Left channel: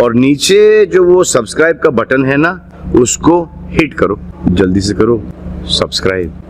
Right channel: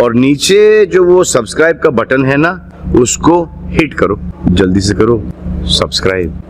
और नीचे जो वो सब्सक्राइब का बटन है ना, उसको हिट करो, जल्दी से करो सब्सक्राइब।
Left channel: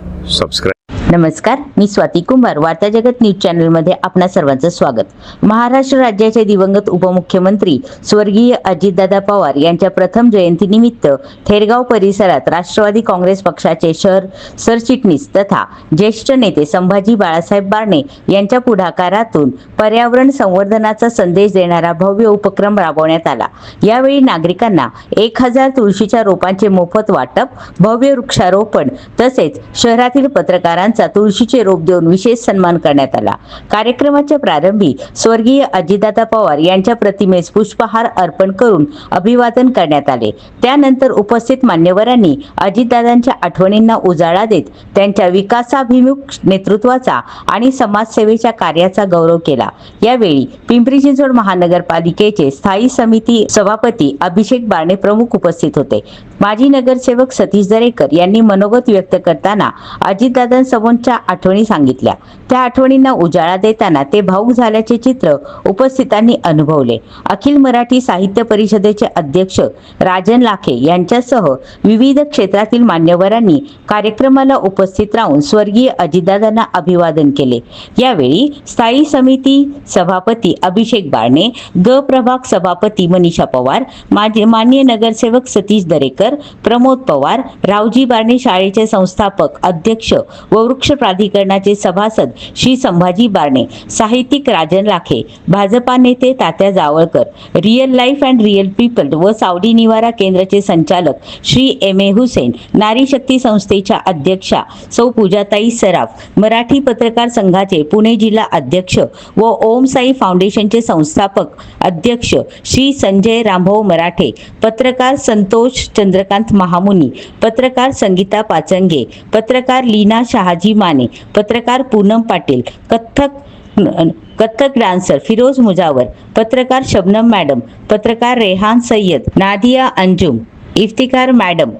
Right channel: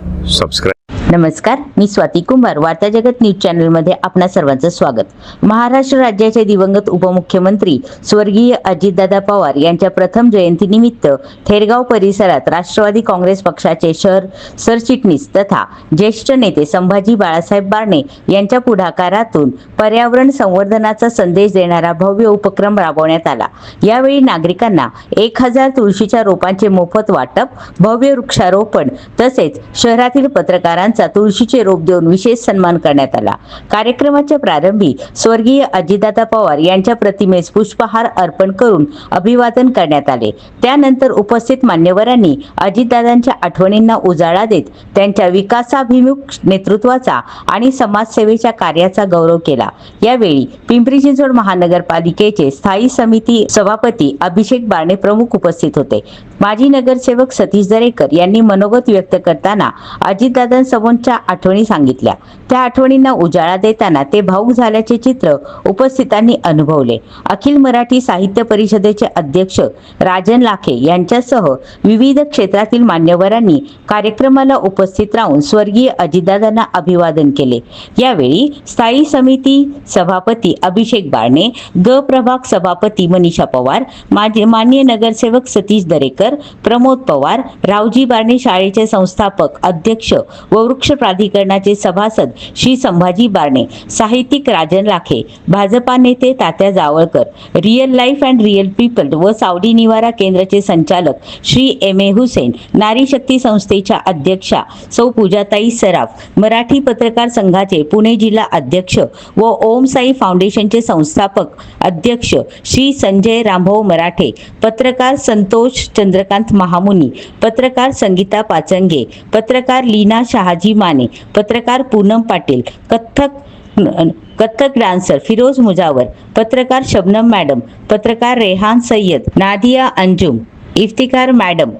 नमस्कार, मी स्वाती कुंभार, वार्ता जगत न्यूज चॅनल मध्ये आपणा सर्वांचं स्वागत। महाराष्ट्र राज्याचे दिवंगत उपमुख्यमंत्री स्वर्गीय अजितदादा पवार यांच्या प्रथम जयंतीनिमित्त थेरगाव परिसरात राष्ट्रवादी काँग्रेस पक्षाचे शहर सरचिटणीस तथा ज्येष्ठ नेते संभाजी बाळासाहेब बारणे यांच्या पुढाकारातून पर्यावरण संवर्धनाचा संदेश देणारा भव्य उपक्रम राबवण्यात आला। यावेळी नागरिकांना 1000 तुळशीच्या रोपांचे मोफत वाटप, भव्य वृक्षारोपण तसेच शहरातील पत्रकारांचा तुळशीचे रोप देऊन विशेष सन्मान करण्यात आला। कार्यक्रमाच्या प्रारंभी स्वर्गीय अजितदादा पवार यांच्या प्रतिमेस पुष्पहार अर्पण करून अभिवादन करण्यात आले। त्यानंतर उपस्थित मान्यवरांनी अजितदादांच्या आठवणींना उजाळा देत त्यांच्या विकासाभिमुख नेतृत्वाचा आणि समाजसेवेच्या कार्याचा गौरव केला। यावेळी पिंपरी चिंचवड महानगरपालिकेचे स्थायी समिती सभापती अभिषेक बारणे प्रमुख उपस्थित होते। माजी नगरसेवक सतीश दरेकर यांनी मनोगत व्यक्त करताना अजितदादांसमोरच्या आठवणी सांगितल्या। त्या आठवणींना उजाळा देताना ते भावुक झाल्याचे चित्र उपस्थितांनी अनुभवले। अखिल मराठी साहित्य परिषदेचे अध्यक्ष राजन लाखे यांच्यासह विविध क्षेत्रातील मान्यवरांनी कार्यक्रमाला उपस्थित राहून स्वर्गीय अजितदादांना अभिवादन केले। यावेळी स्थायी समिती सभापती अभिषेक बारणे, ग प्रभाग सभापती मनीषा पवार, मान्य नगरसेवक सतीश दरेकर, प्रमोद पवार, रावजी बारणे शाळेचे संस्थापक अध्यक्ष व वृक्ष प्राधिकरणाचे सभासद श्री संभाजी बारणे, साहित्यिक राजन लाखे, भाजपा नेते Tatya Javalkar, real life and real people व सावली निवारा केंद्राचे संचालक श्री एम ए हुसेन, नारी शक्ती संस्थेच्या अध्यक्षा सौ पूजाताई सराफ, मराठी पत्रकार संघाचे पुणे जिल्हा अध्यक्ष व ओम साई फाउंडेशनचे संस्थापक अध्यक्ष श्री संजय रामभाऊ मराठे, पत्रकार संतोष चंद्रकांत महामुनी, पत्रकार संगीता पाचंगे, पत्रकार लीना शहाजी माने, पत्रकार पूनम पाटील, कथक डान्सर फिरोज मुजावर, पत्रकार शबनम मॅडम, पत्रकार रेहान सय्यद, नादिया अंजुम, इफ्तिकार मॅडम,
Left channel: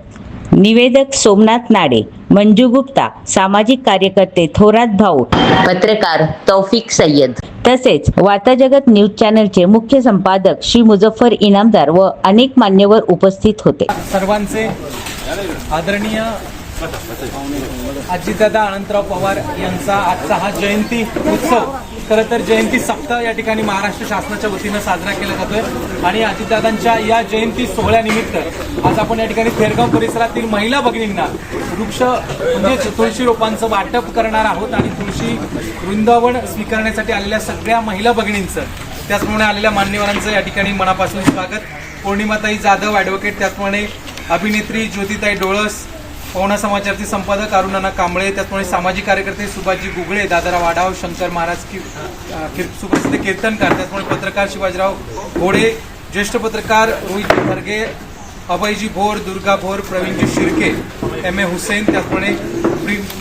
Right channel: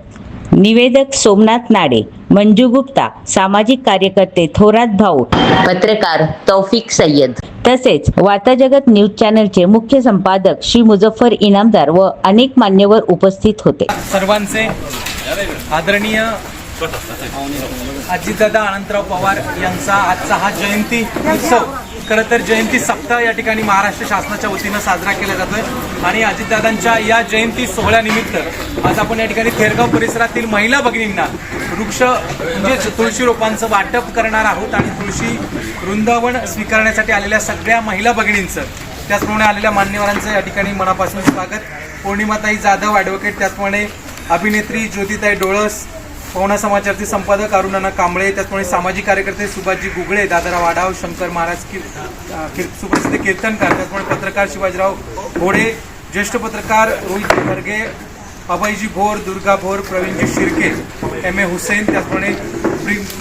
निवेदक सोमनाथ नाडे, मंजू गुप्ता, सामाजिक कार्यकर्ते थोरात भाऊ, पत्रकार तौफिक सय्यद तसेच वार्ता जगत न्यूज चॅनलचे मुख्य संपादक श्री मुझफ्फर इनामदार व अनेक मान्यवर उपस्थित होते। सर्वांचे आदरणीय अजितदादा अनंतराव पवार यांचा आजचा हा जयंती उत्सव, खरं तर जयंती सप्ताह या ठिकाणी महाराष्ट्र शासनाच्या वतीनं साजरा केला जातोय आणि अजितदादांच्या या जयंती सोहळ्यानिमित्त आज आपण या ठिकाणी थेरगाव परिसरातील महिला भगिनींना वृक्ष म्हणजे तुळशी रोपांचं वाटप करणार आहोत आणि तुळशी वृंदावन स्वीकारण्यासाठी आलेल्या सगळ्या महिला भगिनींचं, त्याचप्रमाणे आलेल्या मान्यवरांचं या ठिकाणी मनापासून स्वागत। पौर्णिमाताई जाधव ॲडव्होकेट, त्याचप्रमाणे अभिनेत्री ज्योतिताई डोळस, पवना समाचारचे संपादक अरुणाना कांबळे, त्याचप्रमाणे सामाजिक कार्यकर्ते सुभाषजी गुगळे, दादाराव आढाव, शंकर महाराज सुप्रसिद्ध कीर्तनकार, त्याचप्रमाणे पत्रकार शिवाजीराव घोडे, ज्येष्ठ पत्रकार रोहित खरगे, अभयजी भोर, दुर्गा भोर, प्रवीणजी शिर्के, एम ए हुसेन, त्याचप्रमाणे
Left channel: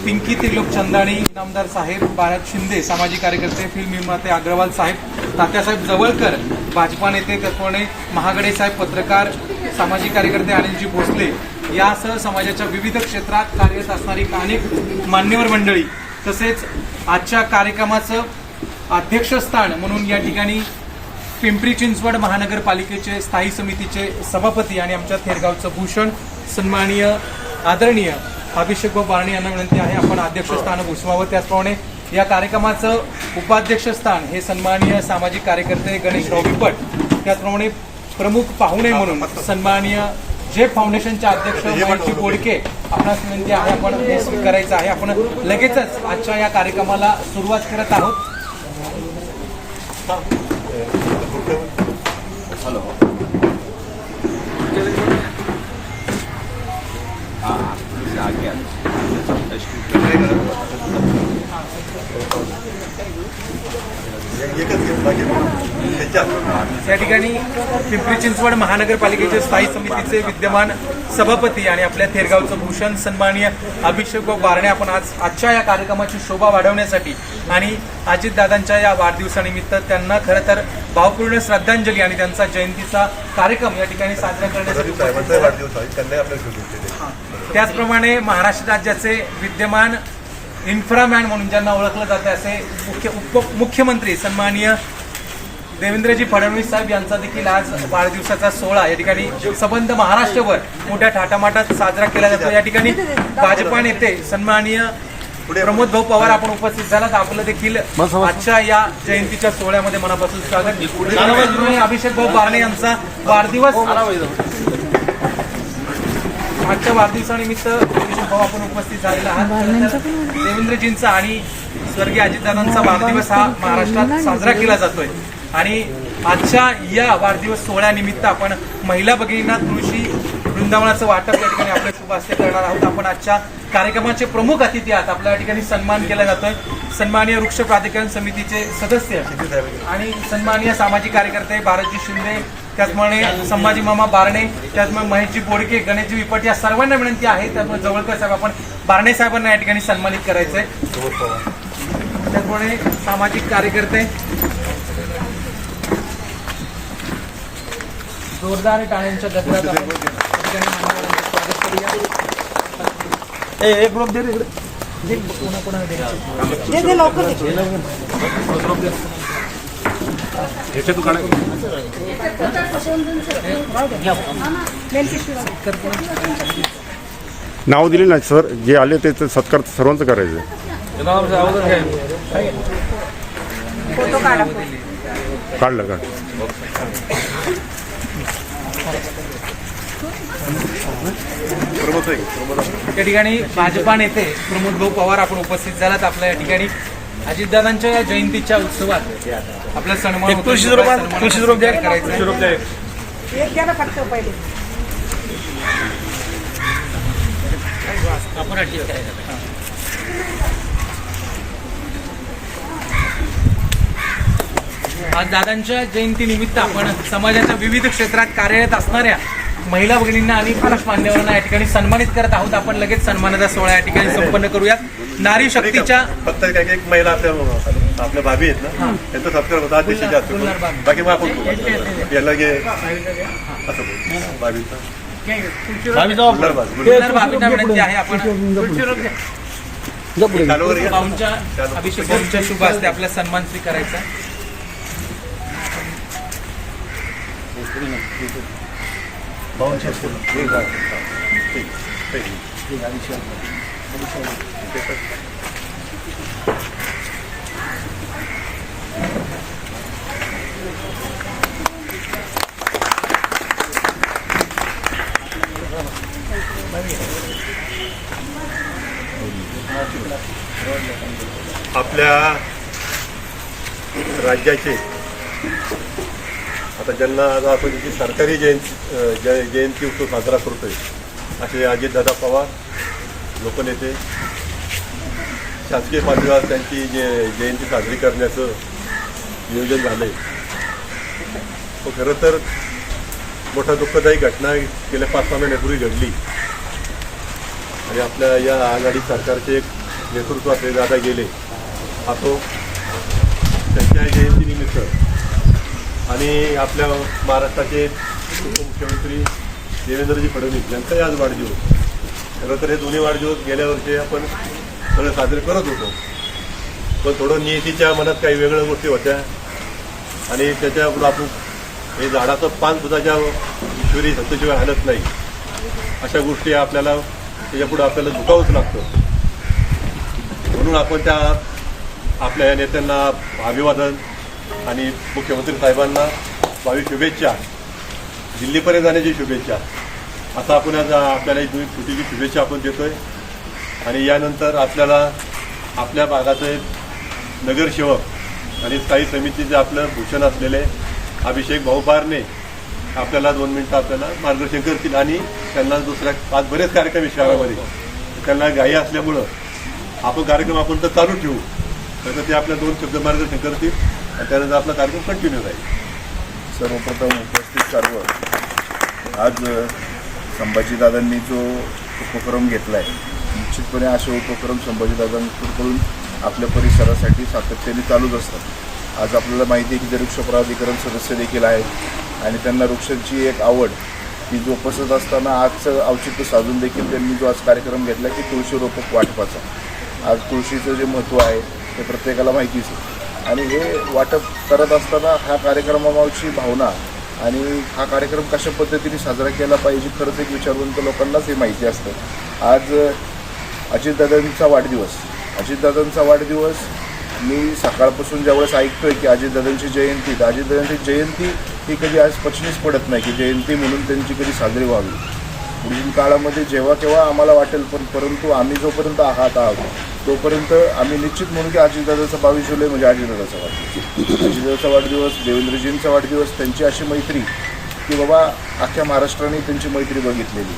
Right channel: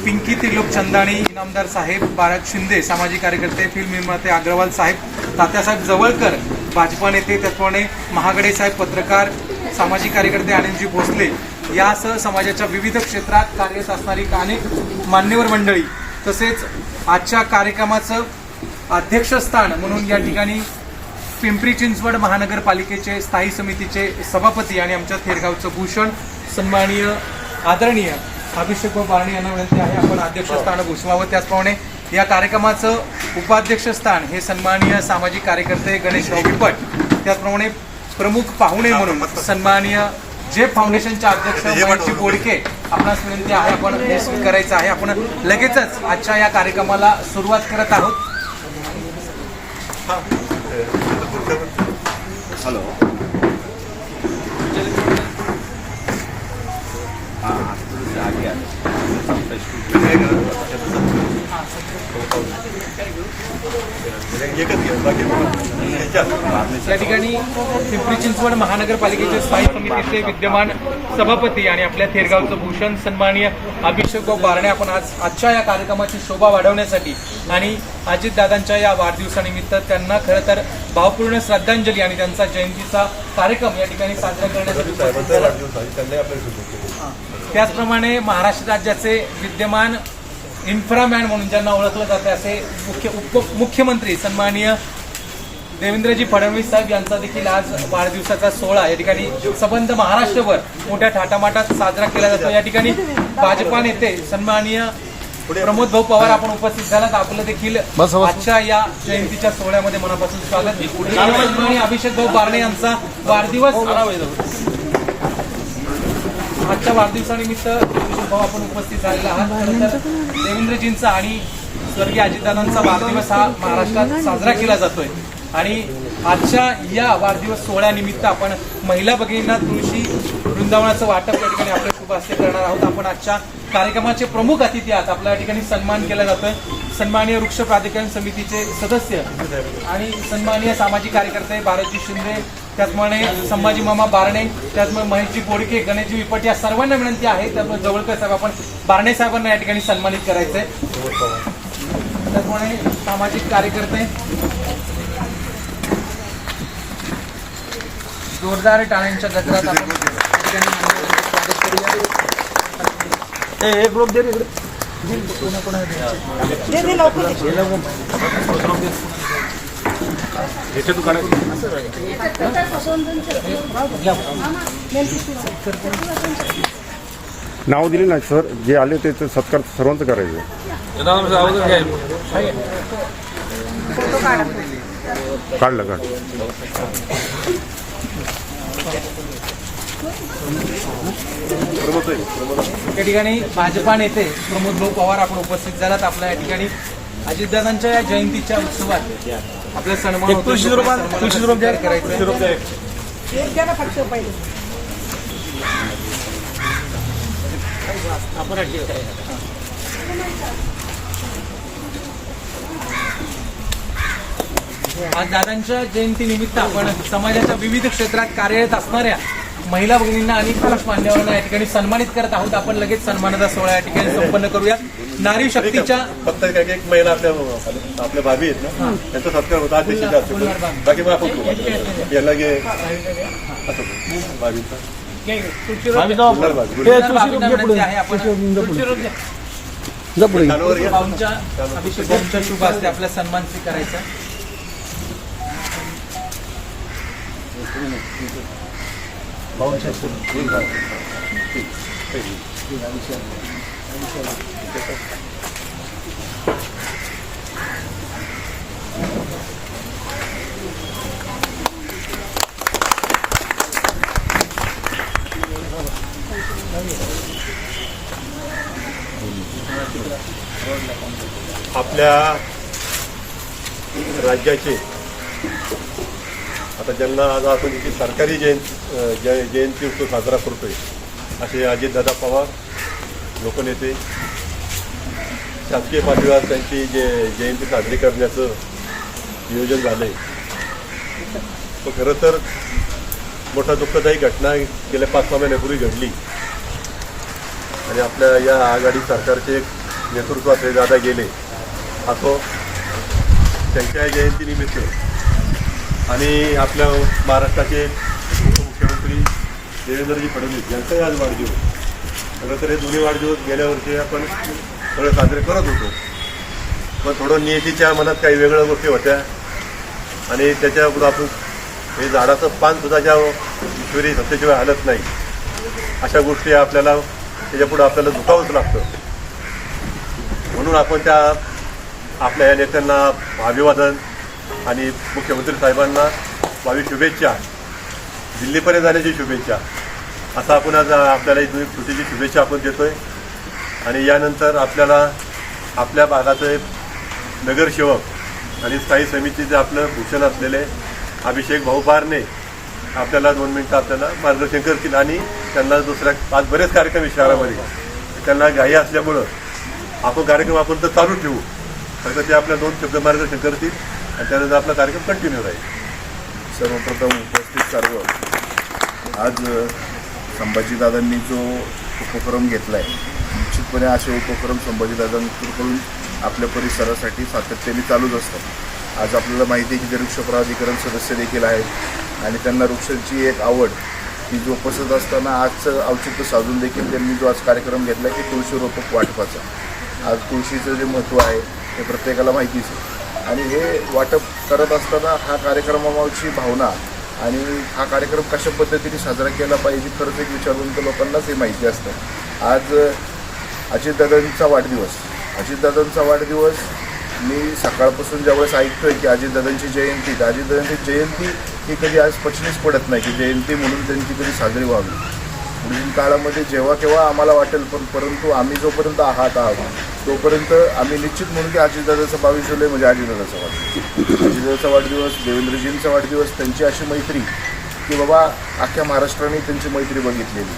पिंकी त्रिलोक चंदाणी, इनामदार साहेब, भारत शिंदे, सामाजिक कार्यकर्ते, फिल्म निर्माते अग्रवाल साहेब, तात्यासाहेब जवळकर, भाजपा नेते, त्याचप्रमाणे महागडे साहेब, पत्रकार, सामाजिक कार्यकर्ते अनिलजी भोसले यासह समाजाच्या विविध क्षेत्रात कार्यरत असणारी अनेक मान्यवर मंडळी, तसेच आजच्या कार्यक्रमाचं अध्यक्षस्थान म्हणून या ठिकाणी पिंपरी चिंचवड महानगरपालिकेचे स्थायी समितीचे सभापती आणि आमच्या थेरगावचं भूषण सन्माननीय आदरणीय अभिषेक बारणे यांना विनंती आहे आपण अध्यक्षस्थान भूषवावं। त्याचप्रमाणे या कार्यक्रमाचं उपाध्यक्षस्थान हे सन्माननीय सामाजिक कार्यकर्ते गणेशराव पिपट, त्याचप्रमाणे प्रमुख पाहुणे म्हणून सन्माननीय जे फाउंडेशनचे अध्यक्ष महेशजी बोडके आपणास विनंती आहे आपण हे स्वीकारायचं आहे। आपण लगेचच आजच्या या कार्यक्रमाला सुरुवात करत आहोत। या ठिकाणी पिंपरी चिंचवड महानगरपालिकेचे स्थायी समितीचे विद्यमान सभापती आणि आपल्या थेरगावचं भूषण सन्माननीय अभिषेक बारणे आपण आजच्या या कार्यक्रमाची शोभा वाढवण्यासाठी आणि अजितदादांच्या या वाढदिवसानिमित्त त्यांना खरं तर भावपूर्ण श्रद्धांजली आणि त्यांचा जयंतीचा कार्यक्रम या ठिकाणी साजरा करण्यासाठी त्याचप्रमाणे महाराष्ट्र राज्याचे विद्यमान इन्फ्रामॅन म्हणून ज्यांना ओळखलं जातं असे मुख्यमंत्री सन्माननीय देवेंद्रजी फडणवीस साहेब यांचा देखील आज वाढदिवसाचा सोहळा या ठिकाणी सबंध महाराष्ट्रभर मोठ्या थाटामाटात साजरा केला जातो। या ठिकाणी भाजपा नेते सन्माननीय प्रमोद भाऊ पवार आपण उपस्थित झालात। आपलं देखील आजच्या या जयंतीच्या सोहळ्यामध्ये मनापासून स्वागत। आणि अभिषेक भाऊ बारणे यांचा वाढदिवस, आजच्या वाढदिवसानिमित्त अभिषेक भाऊ आपण उपस्थित झालेला आहात। खरं तर देवेंद्रजींचा आणि स्वर्गीय अजितदादांचा वाढदिवस हा महाराष्ट्रात साजरा केला जातोय आणि आजच्या या वाढदिवस सोहळ्यानिमित्त आपण महिला भगिनींना तुळशी वृंदावनाचं वाटप या ठिकाणी आपल्या शुभ हस्ते करणार आहोत। आपण आजच्या कार्यक्रमाचे प्रमुख अतिथी आहात। आपल्या या ठिकाणी सन्मान केला जातोय सन्माननीय वृक्ष प्राधिकरण समितीचे सदस्य आणि सन्माननीय सामाजिक कार्यकर्ते भारतजी शिंदे, त्याचप्रमाणे संभाजी मामा बारणे, त्याचप्रमाणे महेशजी बोडके, गणेशजी विपट या सर्वांना विनंती आहे। त्यामुळे जवळकर साहेब आपण बारणे साहेबांना या ठिकाणी सन्मानित करायचंय। त्याचप्रमाणे सामाजिक कार्यकर्ते जोरदार टाळ्यांच्या गजरात आपण या ठिकाणी मान्यवरांचे स्वागत करूया। एक ग्रुप दे नाव दिले नाही सर, जे आले ते सत्कार सर्वांचं करायचं। काढलं या ठिकाणी भाजपा नेते प्रमोद भाऊ पवार आपण उपस्थित झालात। आपल्या या ठिकाणी अजितदादांच्या या जयंतीच्या उत्सवात आपला सन्मान होतो। आज दादांच्या जयंतीनिमित्त आपण समाजाच्या विविध क्षेत्रात कार्यरत असणाऱ्या महिला भगिनींना आणि पुरुष मान्यवरांना या ठिकाणी सन्मानित करत आहोत। आपण लगेच सन्मानाचा सोहळा या ठिकाणी संपन्न करूयात। नारी शक्तीच्या फक्त एक महिला आपल्या भाभी आहेत ना, त्यांचा सत्कार होता आज देशाच्या हस्ते। बाकी मग आपण याला गे असं भाभीचा अभिषेक भाऊंच्या शुभ हस्ते आपला सन्मान स्वीकारायचा। आपल्या राज्याचे आता ज्यांना आज आपण जी सरकारी जयंती उत्सव साजरा करतोय असे अजितदादा पवार लोकनेते, शासकीय पातळीवर त्यांची जयंती साजरी करण्याचं नियोजन झालंय। तो खरं तर मोठा दुःखदायी घटना गेल्या 5-6 महिन्यापूर्वी घडली आणि आपल्या या आघाडी सरकारचे एक नेतृत्व असलेले दादा गेले। असो त्यांच्या जयंतीनिमित्त आणि आपल्या महाराष्ट्राचे उपमुख्यमंत्री देवेंद्रजी फडणवीस यांचाही आज वाढदिवस। खरं तर हे दोन्ही वाढदिवस गेल्या वर्षी आपण सगळं साजरे करत होतो, पण थोडं नियतीच्या मनात काही वेगळ्या गोष्टी होत्या आणि त्याच्यापुढं आपण हे झाडाचं पानसुद्धा ज्या ईश्वरी सत्तेशिवाय हलत नाही अशा गोष्टी आपल्याला त्याच्यापुढं आपल्याला झुकावंच लागतं। म्हणून आपण त्या आपल्या या नेत्यांना अभिवादन आणि मुख्यमंत्री साहेबांना भावी शुभेच्छा, दिल्लीपर्यंत जाण्याची शुभेच्छा असं आपण आज आपल्याला एक छोटीशी शुभेच्छा आपण देतोय। आणि यानंतर आपल्याला आपल्या भागाचे नगरसेवक आणि स्थायी समितीचे आपलं भूषण असलेले अभिषेक भाऊ बारणे आपल्याला 2 मिनिटं आपल्याला मार्गदर्शन करतील आणि त्यांना दुसऱ्या आज बरेच कार्यक्रम आहे शहरामध्ये, त्यांना घाई असल्यामुळं आपण कार्यक्रम आपण तर चालू ठेवू, फक्त ते आपल्या 2 शब्द मार्गदर्शन करतील आणि त्यानंतर आपला कार्यक्रम कंटिन्यू राहील। सर्वप्रथम उपस्थित सर्व, आज संभाजीदादांनी जो उपक्रम घेतला आहे, निश्चितपणे असे उपक्रम संभाजीदादांकडून आपल्या परिसरासाठी सातत्याने चालूच असतात। आज आपल्याला माहिती आहे की ते वृक्ष प्राधिकरण सदस्य देखील आहेत आणि त्यांना वृक्षांची एक आवड ती जोपासत असताना आजचं औचित्य साधून देखील त्यांनी जो आज कार्यक्रम घेतला की तुळशी रोपक वाटपाचा। आज तुळशीचं जे महत्त्व आहे हे प्रत्येकाला माहितीच आहे आणि हे वाटप करत असताना हा कार्यक्रमामागची भावना आणि हा कार्यक्रम कशा पद्धतीने साजरा केला पाहिजे खरंच एक विचारवंत लोकांनाच हे माहिती असतं. आज अजितदादांचा वाढदिवस मी सकाळपासून ज्यावेळेस ऐकतोय की अजितदादांची जयंती, तर अजितदादांची जयंती ही कधी आज पचनीच पडत नाही की जयंती म्हणून त्यांची कधी साजरी व्हावी. पुढील काळामध्ये जेव्हा केव्हा आम्हाला वाटेल, परंतु आम्ही जोपर्यंत आहोत तोपर्यंत आम्ही निश्चित म्हणू की अजितदादाचा 22 जुलै म्हणजे अजितदादाचा वाढदिवस, देवेंद्रजींचा वाढदिवस, त्यांची अशी मैत्री की बाबा अख्ख्या महाराष्ट्राने त्यांची मैत्री बघितलेली.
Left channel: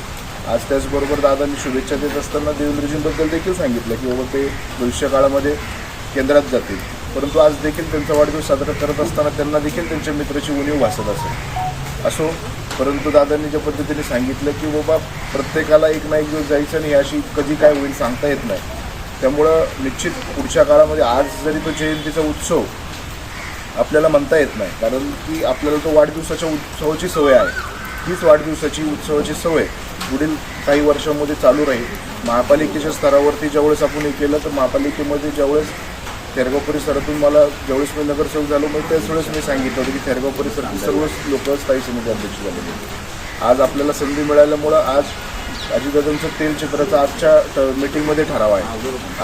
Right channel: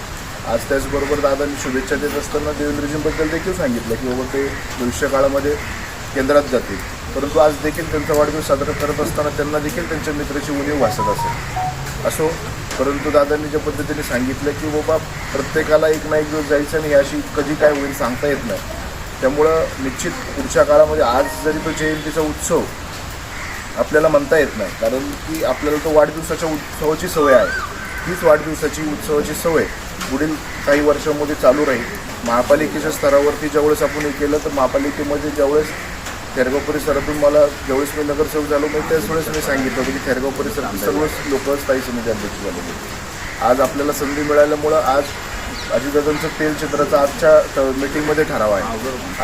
आज त्याचबरोबर दादांनी शुभेच्छा देत असताना देवेंद्रजींबद्दल देखील सांगितलं की बाबा ते भविष्य काळामध्ये केंद्रात जातील, परंतु आज देखील त्यांचा वाढदिवस साजरा करत असताना त्यांना देखील त्यांच्या मित्राची उणीव भासत असो. परंतु दादांनी ज्या पद्धतीने सांगितलं की बाबा प्रत्येकाला एक ना एक दिवस जायचं आणि अशी कधी काय होईल सांगता येत नाही. त्यामुळं निश्चित पुढच्या काळामध्ये आज जरी तो जयंतीचा उत्सव आपल्याला म्हणता येत नाही, कारण की आपल्याला तो वाढदिवसाच्या उत्सवाची सवय आहे. हीच वाढदिवसाची उत्सवाची सवय पुढील काही वर्षांमध्ये चालू राहील. महापालिकेच्या स्तरावरती ज्यावेळेस आपण हे केलं, तर महापालिकेमध्ये ज्यावेळेस थेरगाव परिसरातून ज्यावेळेस मी नगरसेवक झालो, मग त्याच वेळेस मी सांगितलं होतं की थेरगाव परिसरातील सर्वच लोक स्थायी समिती अध्यक्ष झाले. आज आपल्याला संधी मिळाल्यामुळं आज अजितदादांचं तेलचित्राचा आजच्या मीटिंगमध्ये ठराव आहे.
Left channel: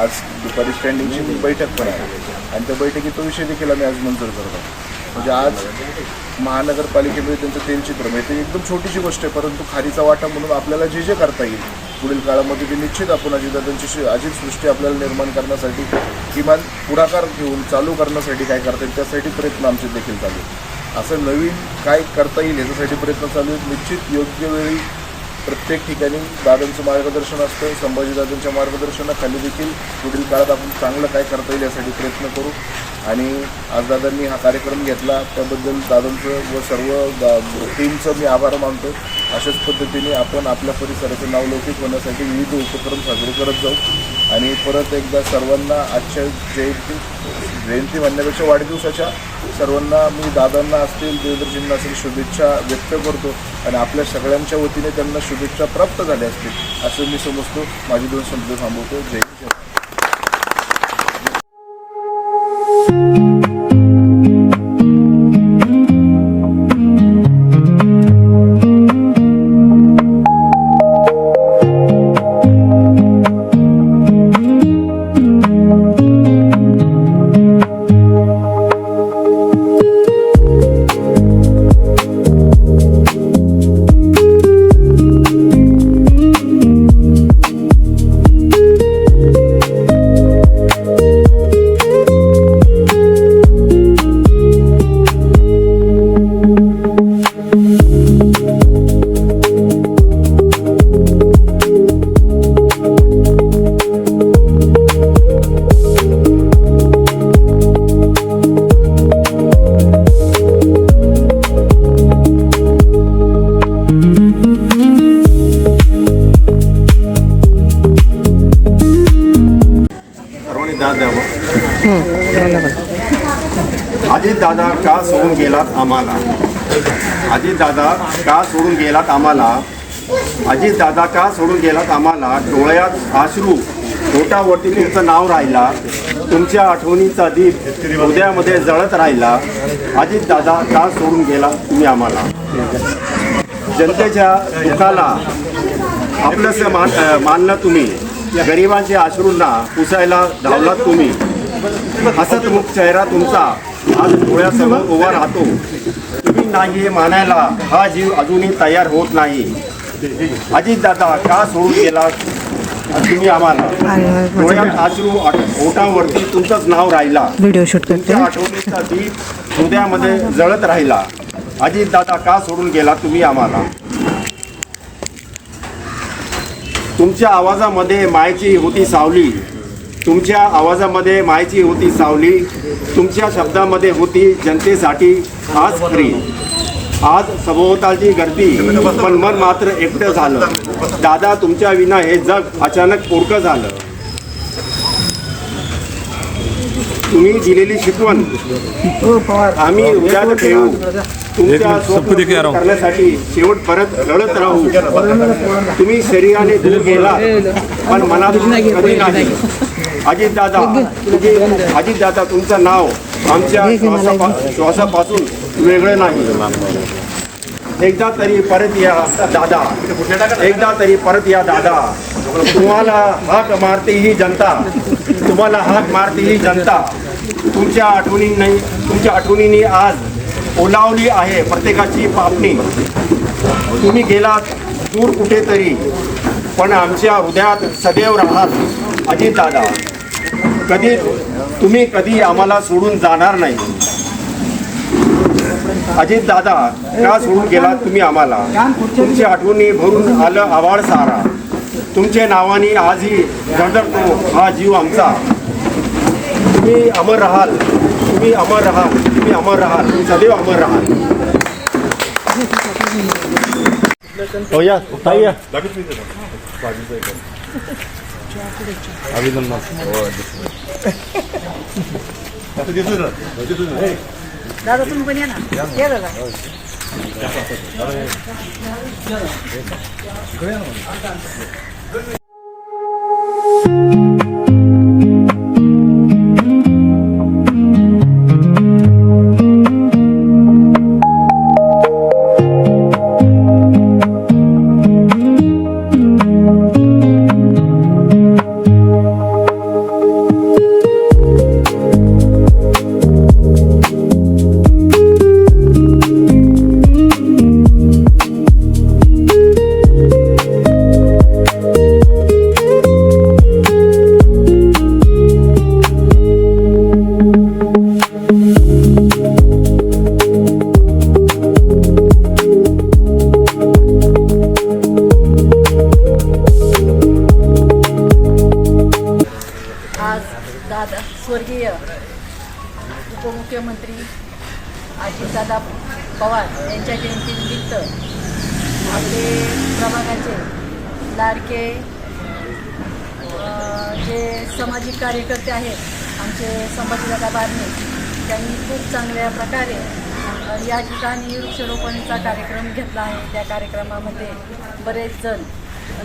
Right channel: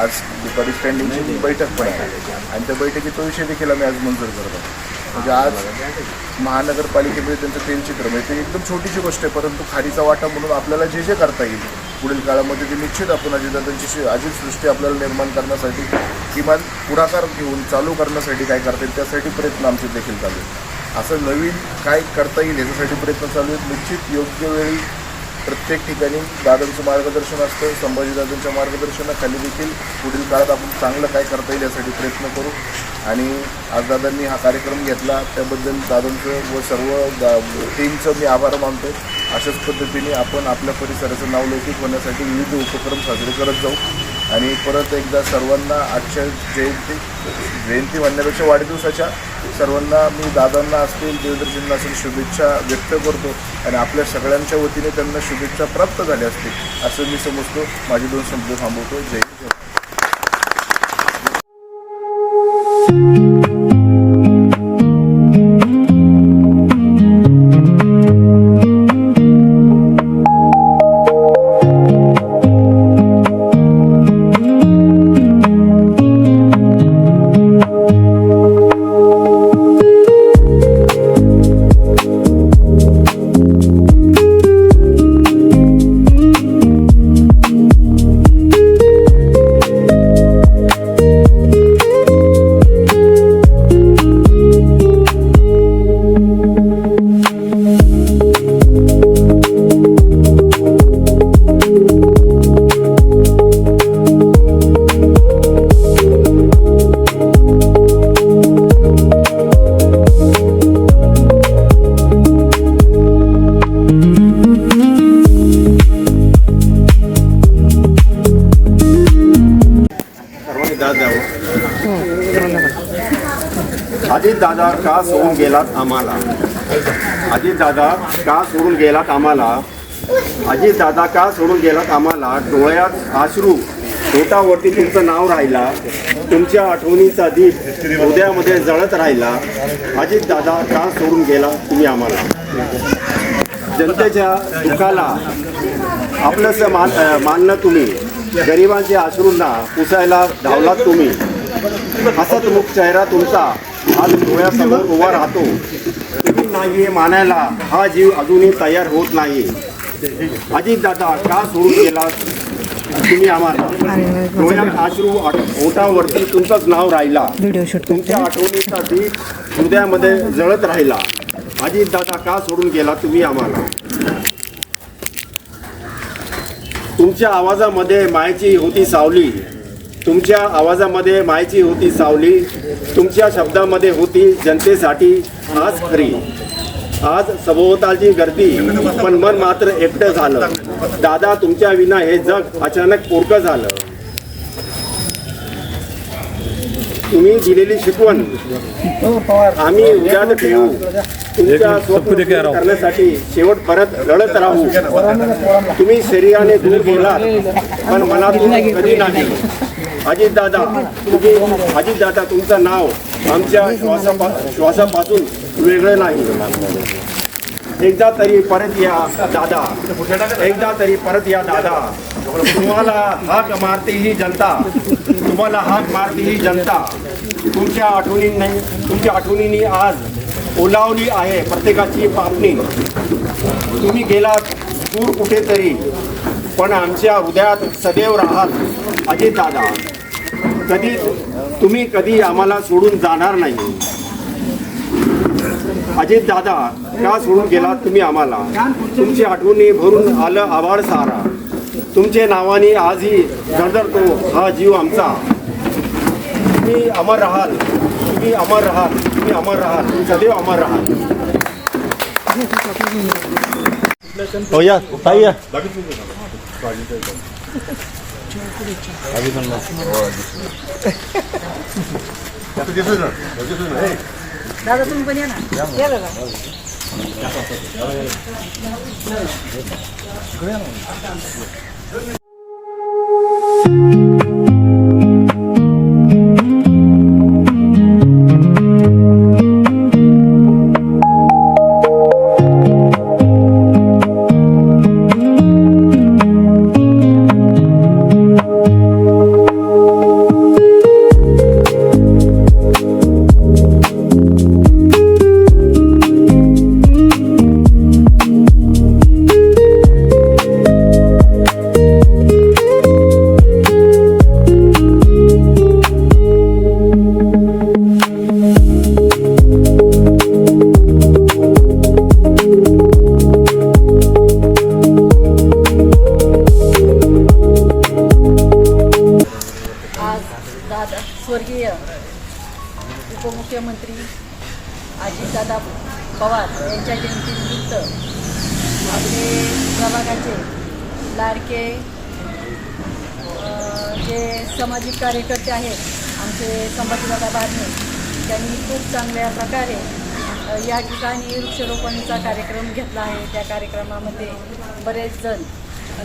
आज दुपारी स्टँडिंगची बैठक पण आहे आणि त्या बैठकीत तो विषय देखील आम्ही आज मंजूर करत आहोत. म्हणजे आज महानगरपालिकेमध्ये त्यांचं तेलचित्र म्हणजे ते एकदम छोटीशी गोष्ट आहे, परंतु खारीचा वाटा म्हणून आपल्याला जे जे करता येईल पुढील काळामध्ये ते निश्चित आपण अजितदादांची अजितसृष्टी आपल्याला निर्माण करण्यासाठी किमान पुढाकार घेऊन चालू करण्यासाठी काय करता येईल त्यासाठी प्रयत्न आमचे देखील चालू आहेत. असं नवीन काय करता येईल याच्यासाठी प्रयत्न चालू आहेत. निश्चित योग्य वेळी प्रत्येक ठिकाणी दादांचं मार्गदर्शन असतं. संभाजीदादांच्या मार्गदर्शनाखाली देखील पुढील काळात आपण चांगलं काय करता येईल यासाठी प्रयत्न करू. आणि आज दादांनी हा कार्यक्रम घेतला त्याबद्दल दादांचं व सर्व टीमचं मी आभार मानतो. अशाच पद्धतीने आपण आपल्या परिसराचं नाव लौकिक होण्यासाठी विविध उपक्रम साजरे करत जाऊ. आणि परत एकदा सर्वांना आजच्या जयंती म्हणण्यापेक्षा वाढदिवसाच्या सर्वांना मी दादांना असतील देवेंद्रजींना असेल शुभेच्छा व्यक्त करतो आणि आपल्या सगळ्यांच्या वतीने त्यांना शुभेच्छा प्राप्त झाल्या असतील असं मी समजतो. माझे 2 शब्द थांबवतो. जय हिंद. अजितदादा का सोडून गेलात आम्हाला? अजितदादा का सोडून गेलात आम्हाला? अजितदादा का सोडून गेलात आम्हाला? डोळ्यात अश्रू, पोटावरती तुमचं नाव राहिला, तुमच्या आठवणीचा दीप हृदयामध्ये जळत राहिला. अजितदादा का सोडून गेला तुम्ही आम्हाला? जनतेच्या दुःखाला आपलंसं मानलं तुम्ही, गरिबांच्या अश्रूंना पुसायला धावलात तुम्ही. हसतमुख चेहरा तुमचा आज डोळ्यासमोर उभा राहतो. तुम्ही नाही हे मानायला हा जीव अजूनही तयार होत नाही. अजितदादा का सोडून गेला तुम्ही आम्हाला? डोळ्यात अश्रू, ओठावरती तुमचंच नाव राहिला, तुमच्या आठवणीचा दीप हृदयामध्ये जळत राहिला. अजितदादा का सोडून गेला तुम्ही आम्हाला? तुमच्या आवाजामध्ये मायेची होती सावली, तुमच्या आवाजामध्ये मायेची होती सावली, तुमच्या शब्दामध्ये होती जनतेसाठी आज खरी. आज सभोवतालची गर्दी पण मन मात्र एकटं झालं. दादा तुमच्या विना हे जग अचानक पोरकं झालं. तुम्ही दिलेली शिकवण आम्ही उद्यात ठेवू. तुमच्या स्वप्न करण्यासाठी शेवट परत लढत राहू. तुम्ही शरीराने दूर गेला पण मनातून कधी नाही. अजितदादा तुमचं नाव आमच्या श्वासापासून वेगळं नाही. एकदा तरी परत या दादा, एकदा तरी परत या दादा. तुम्हाला हाक मारते ही जनता, तुम्हाला हाक मारते ही जनता. तुमच्या आठवणींनी आज ओलावली आहे प्रत्येकाची पापणी. तुम्ही गेलात दूर कुठेतरी, पण आमच्या हृदयात सदैव राहात अजित दादा. तुम्ही कधी आम्हाला सोडून जाणार नाही. अजित दादा, का सोडून गेलात तुम्ही आम्हाला? तुमची आठवणी भरून आलं आभाळ सारा. तुमचे नावाने आजही धडधडतो हा जीव आमचा. तुम्ही अमर राहाल, तुम्ही अमर राहाल, तुम्ही अमर राहाल, सदैव अमर राहाल. हो या ताई या. दादा तुम्ही पण या ना. या दादा. दादा स्वर्गीय उपमुख्यमंत्री अजितदादा पवार यांच्या जयंतीनिमित्त आपले प्रभागाचे लाडके जे सामाजिक कार्यकर्ते आहेत आमचे संभाजीदादा बारणे, त्यांनी खूप चांगल्या प्रकारे या ठिकाणी वृक्षारोपणीचा कार्यक्रम घेतला आहे. त्या कार्यक्रमामध्ये बरेच जण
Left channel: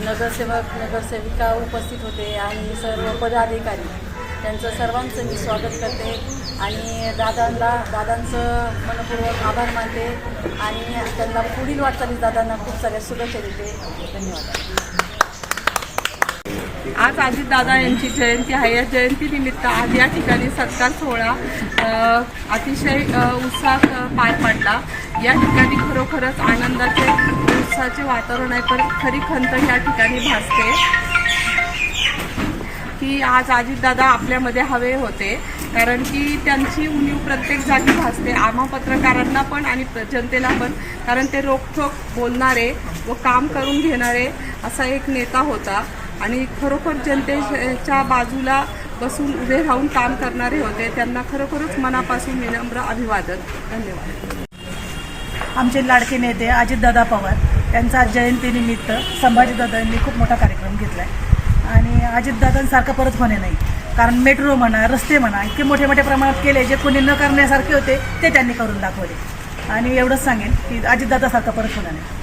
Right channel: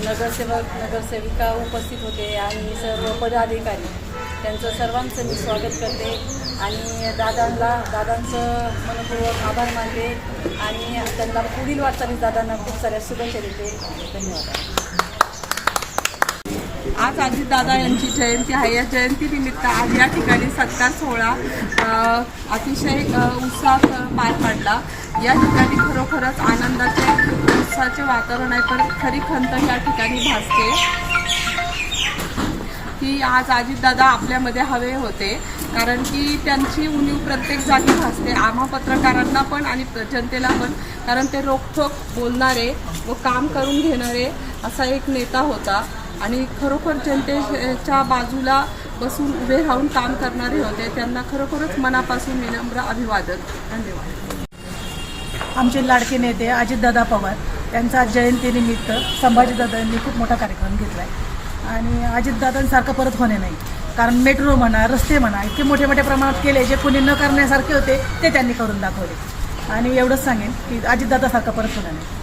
नगरसेवक नगरसेविका उपस्थित होते आणि सर्व पदाधिकारी. त्यांचं सर्वांचं मी स्वागत करते आणि दादांचं मनपूर्वक आभार मानते आणि त्यांना पुढील वाटचालीस दादांना खूप साऱ्या शुभेच्छा देते. धन्यवाद. आज अजितदादा यांची जयंती आहे. या जयंतीनिमित्त आज या ठिकाणी सत्कार सोहळा अतिशय उत्साहात पार पडला. या ठिकाणी खरोखरच आनंदाचे उत्साहाचे वातावरण आहे. पण खरी खंत या ठिकाणी भासते की आज अजितदादा आपल्यामध्ये हवे होते, कारण की त्यांची उणीव प्रत्येक जागी भासते, आम्हा पत्रकारांना पण आणि जनतेला पण. कारण ते रोखठोक बोलणारे व काम करून घेणारे असा एक नेता होता आणि खरोखर जनतेच्या बाजूला बसून उभे राहून काम करणारे होते. त्यांना खरोखरच मनापासून विनम्र अभिवादन. धन्यवाद. आमचे लाडके नेते अजितदादा पवार यांचा जयंतीनिमित्त संभाजीदादांनी खूप मोठा कार्यक्रम घेतला आहे आणि अजितदादांसारखं परत होणे नाही. कारण मेट्रो म्हणा, रस्ते म्हणा, इतके मोठे मोठ्या प्रमाणात केले जे कोणी न करण्यासारखे होते ते त्यांनी करून दाखवले. आणि एवढंच सांगेन की अजितदादासारखं परत होणार नाही.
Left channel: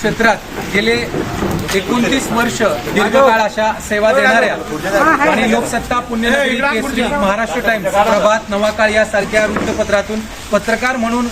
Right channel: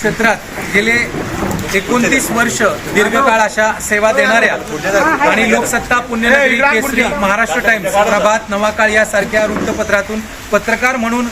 क्षेत्रात गेले 29 वर्ष दीर्घकाळ अशा सेवा देणाऱ्या आणि लोकसत्ता, पुण्यनगरी, केसरी, महाराष्ट्र टाइम्स, प्रभात, नवाकाळ यासारख्या वृत्तपत्रातून पत्रकार म्हणून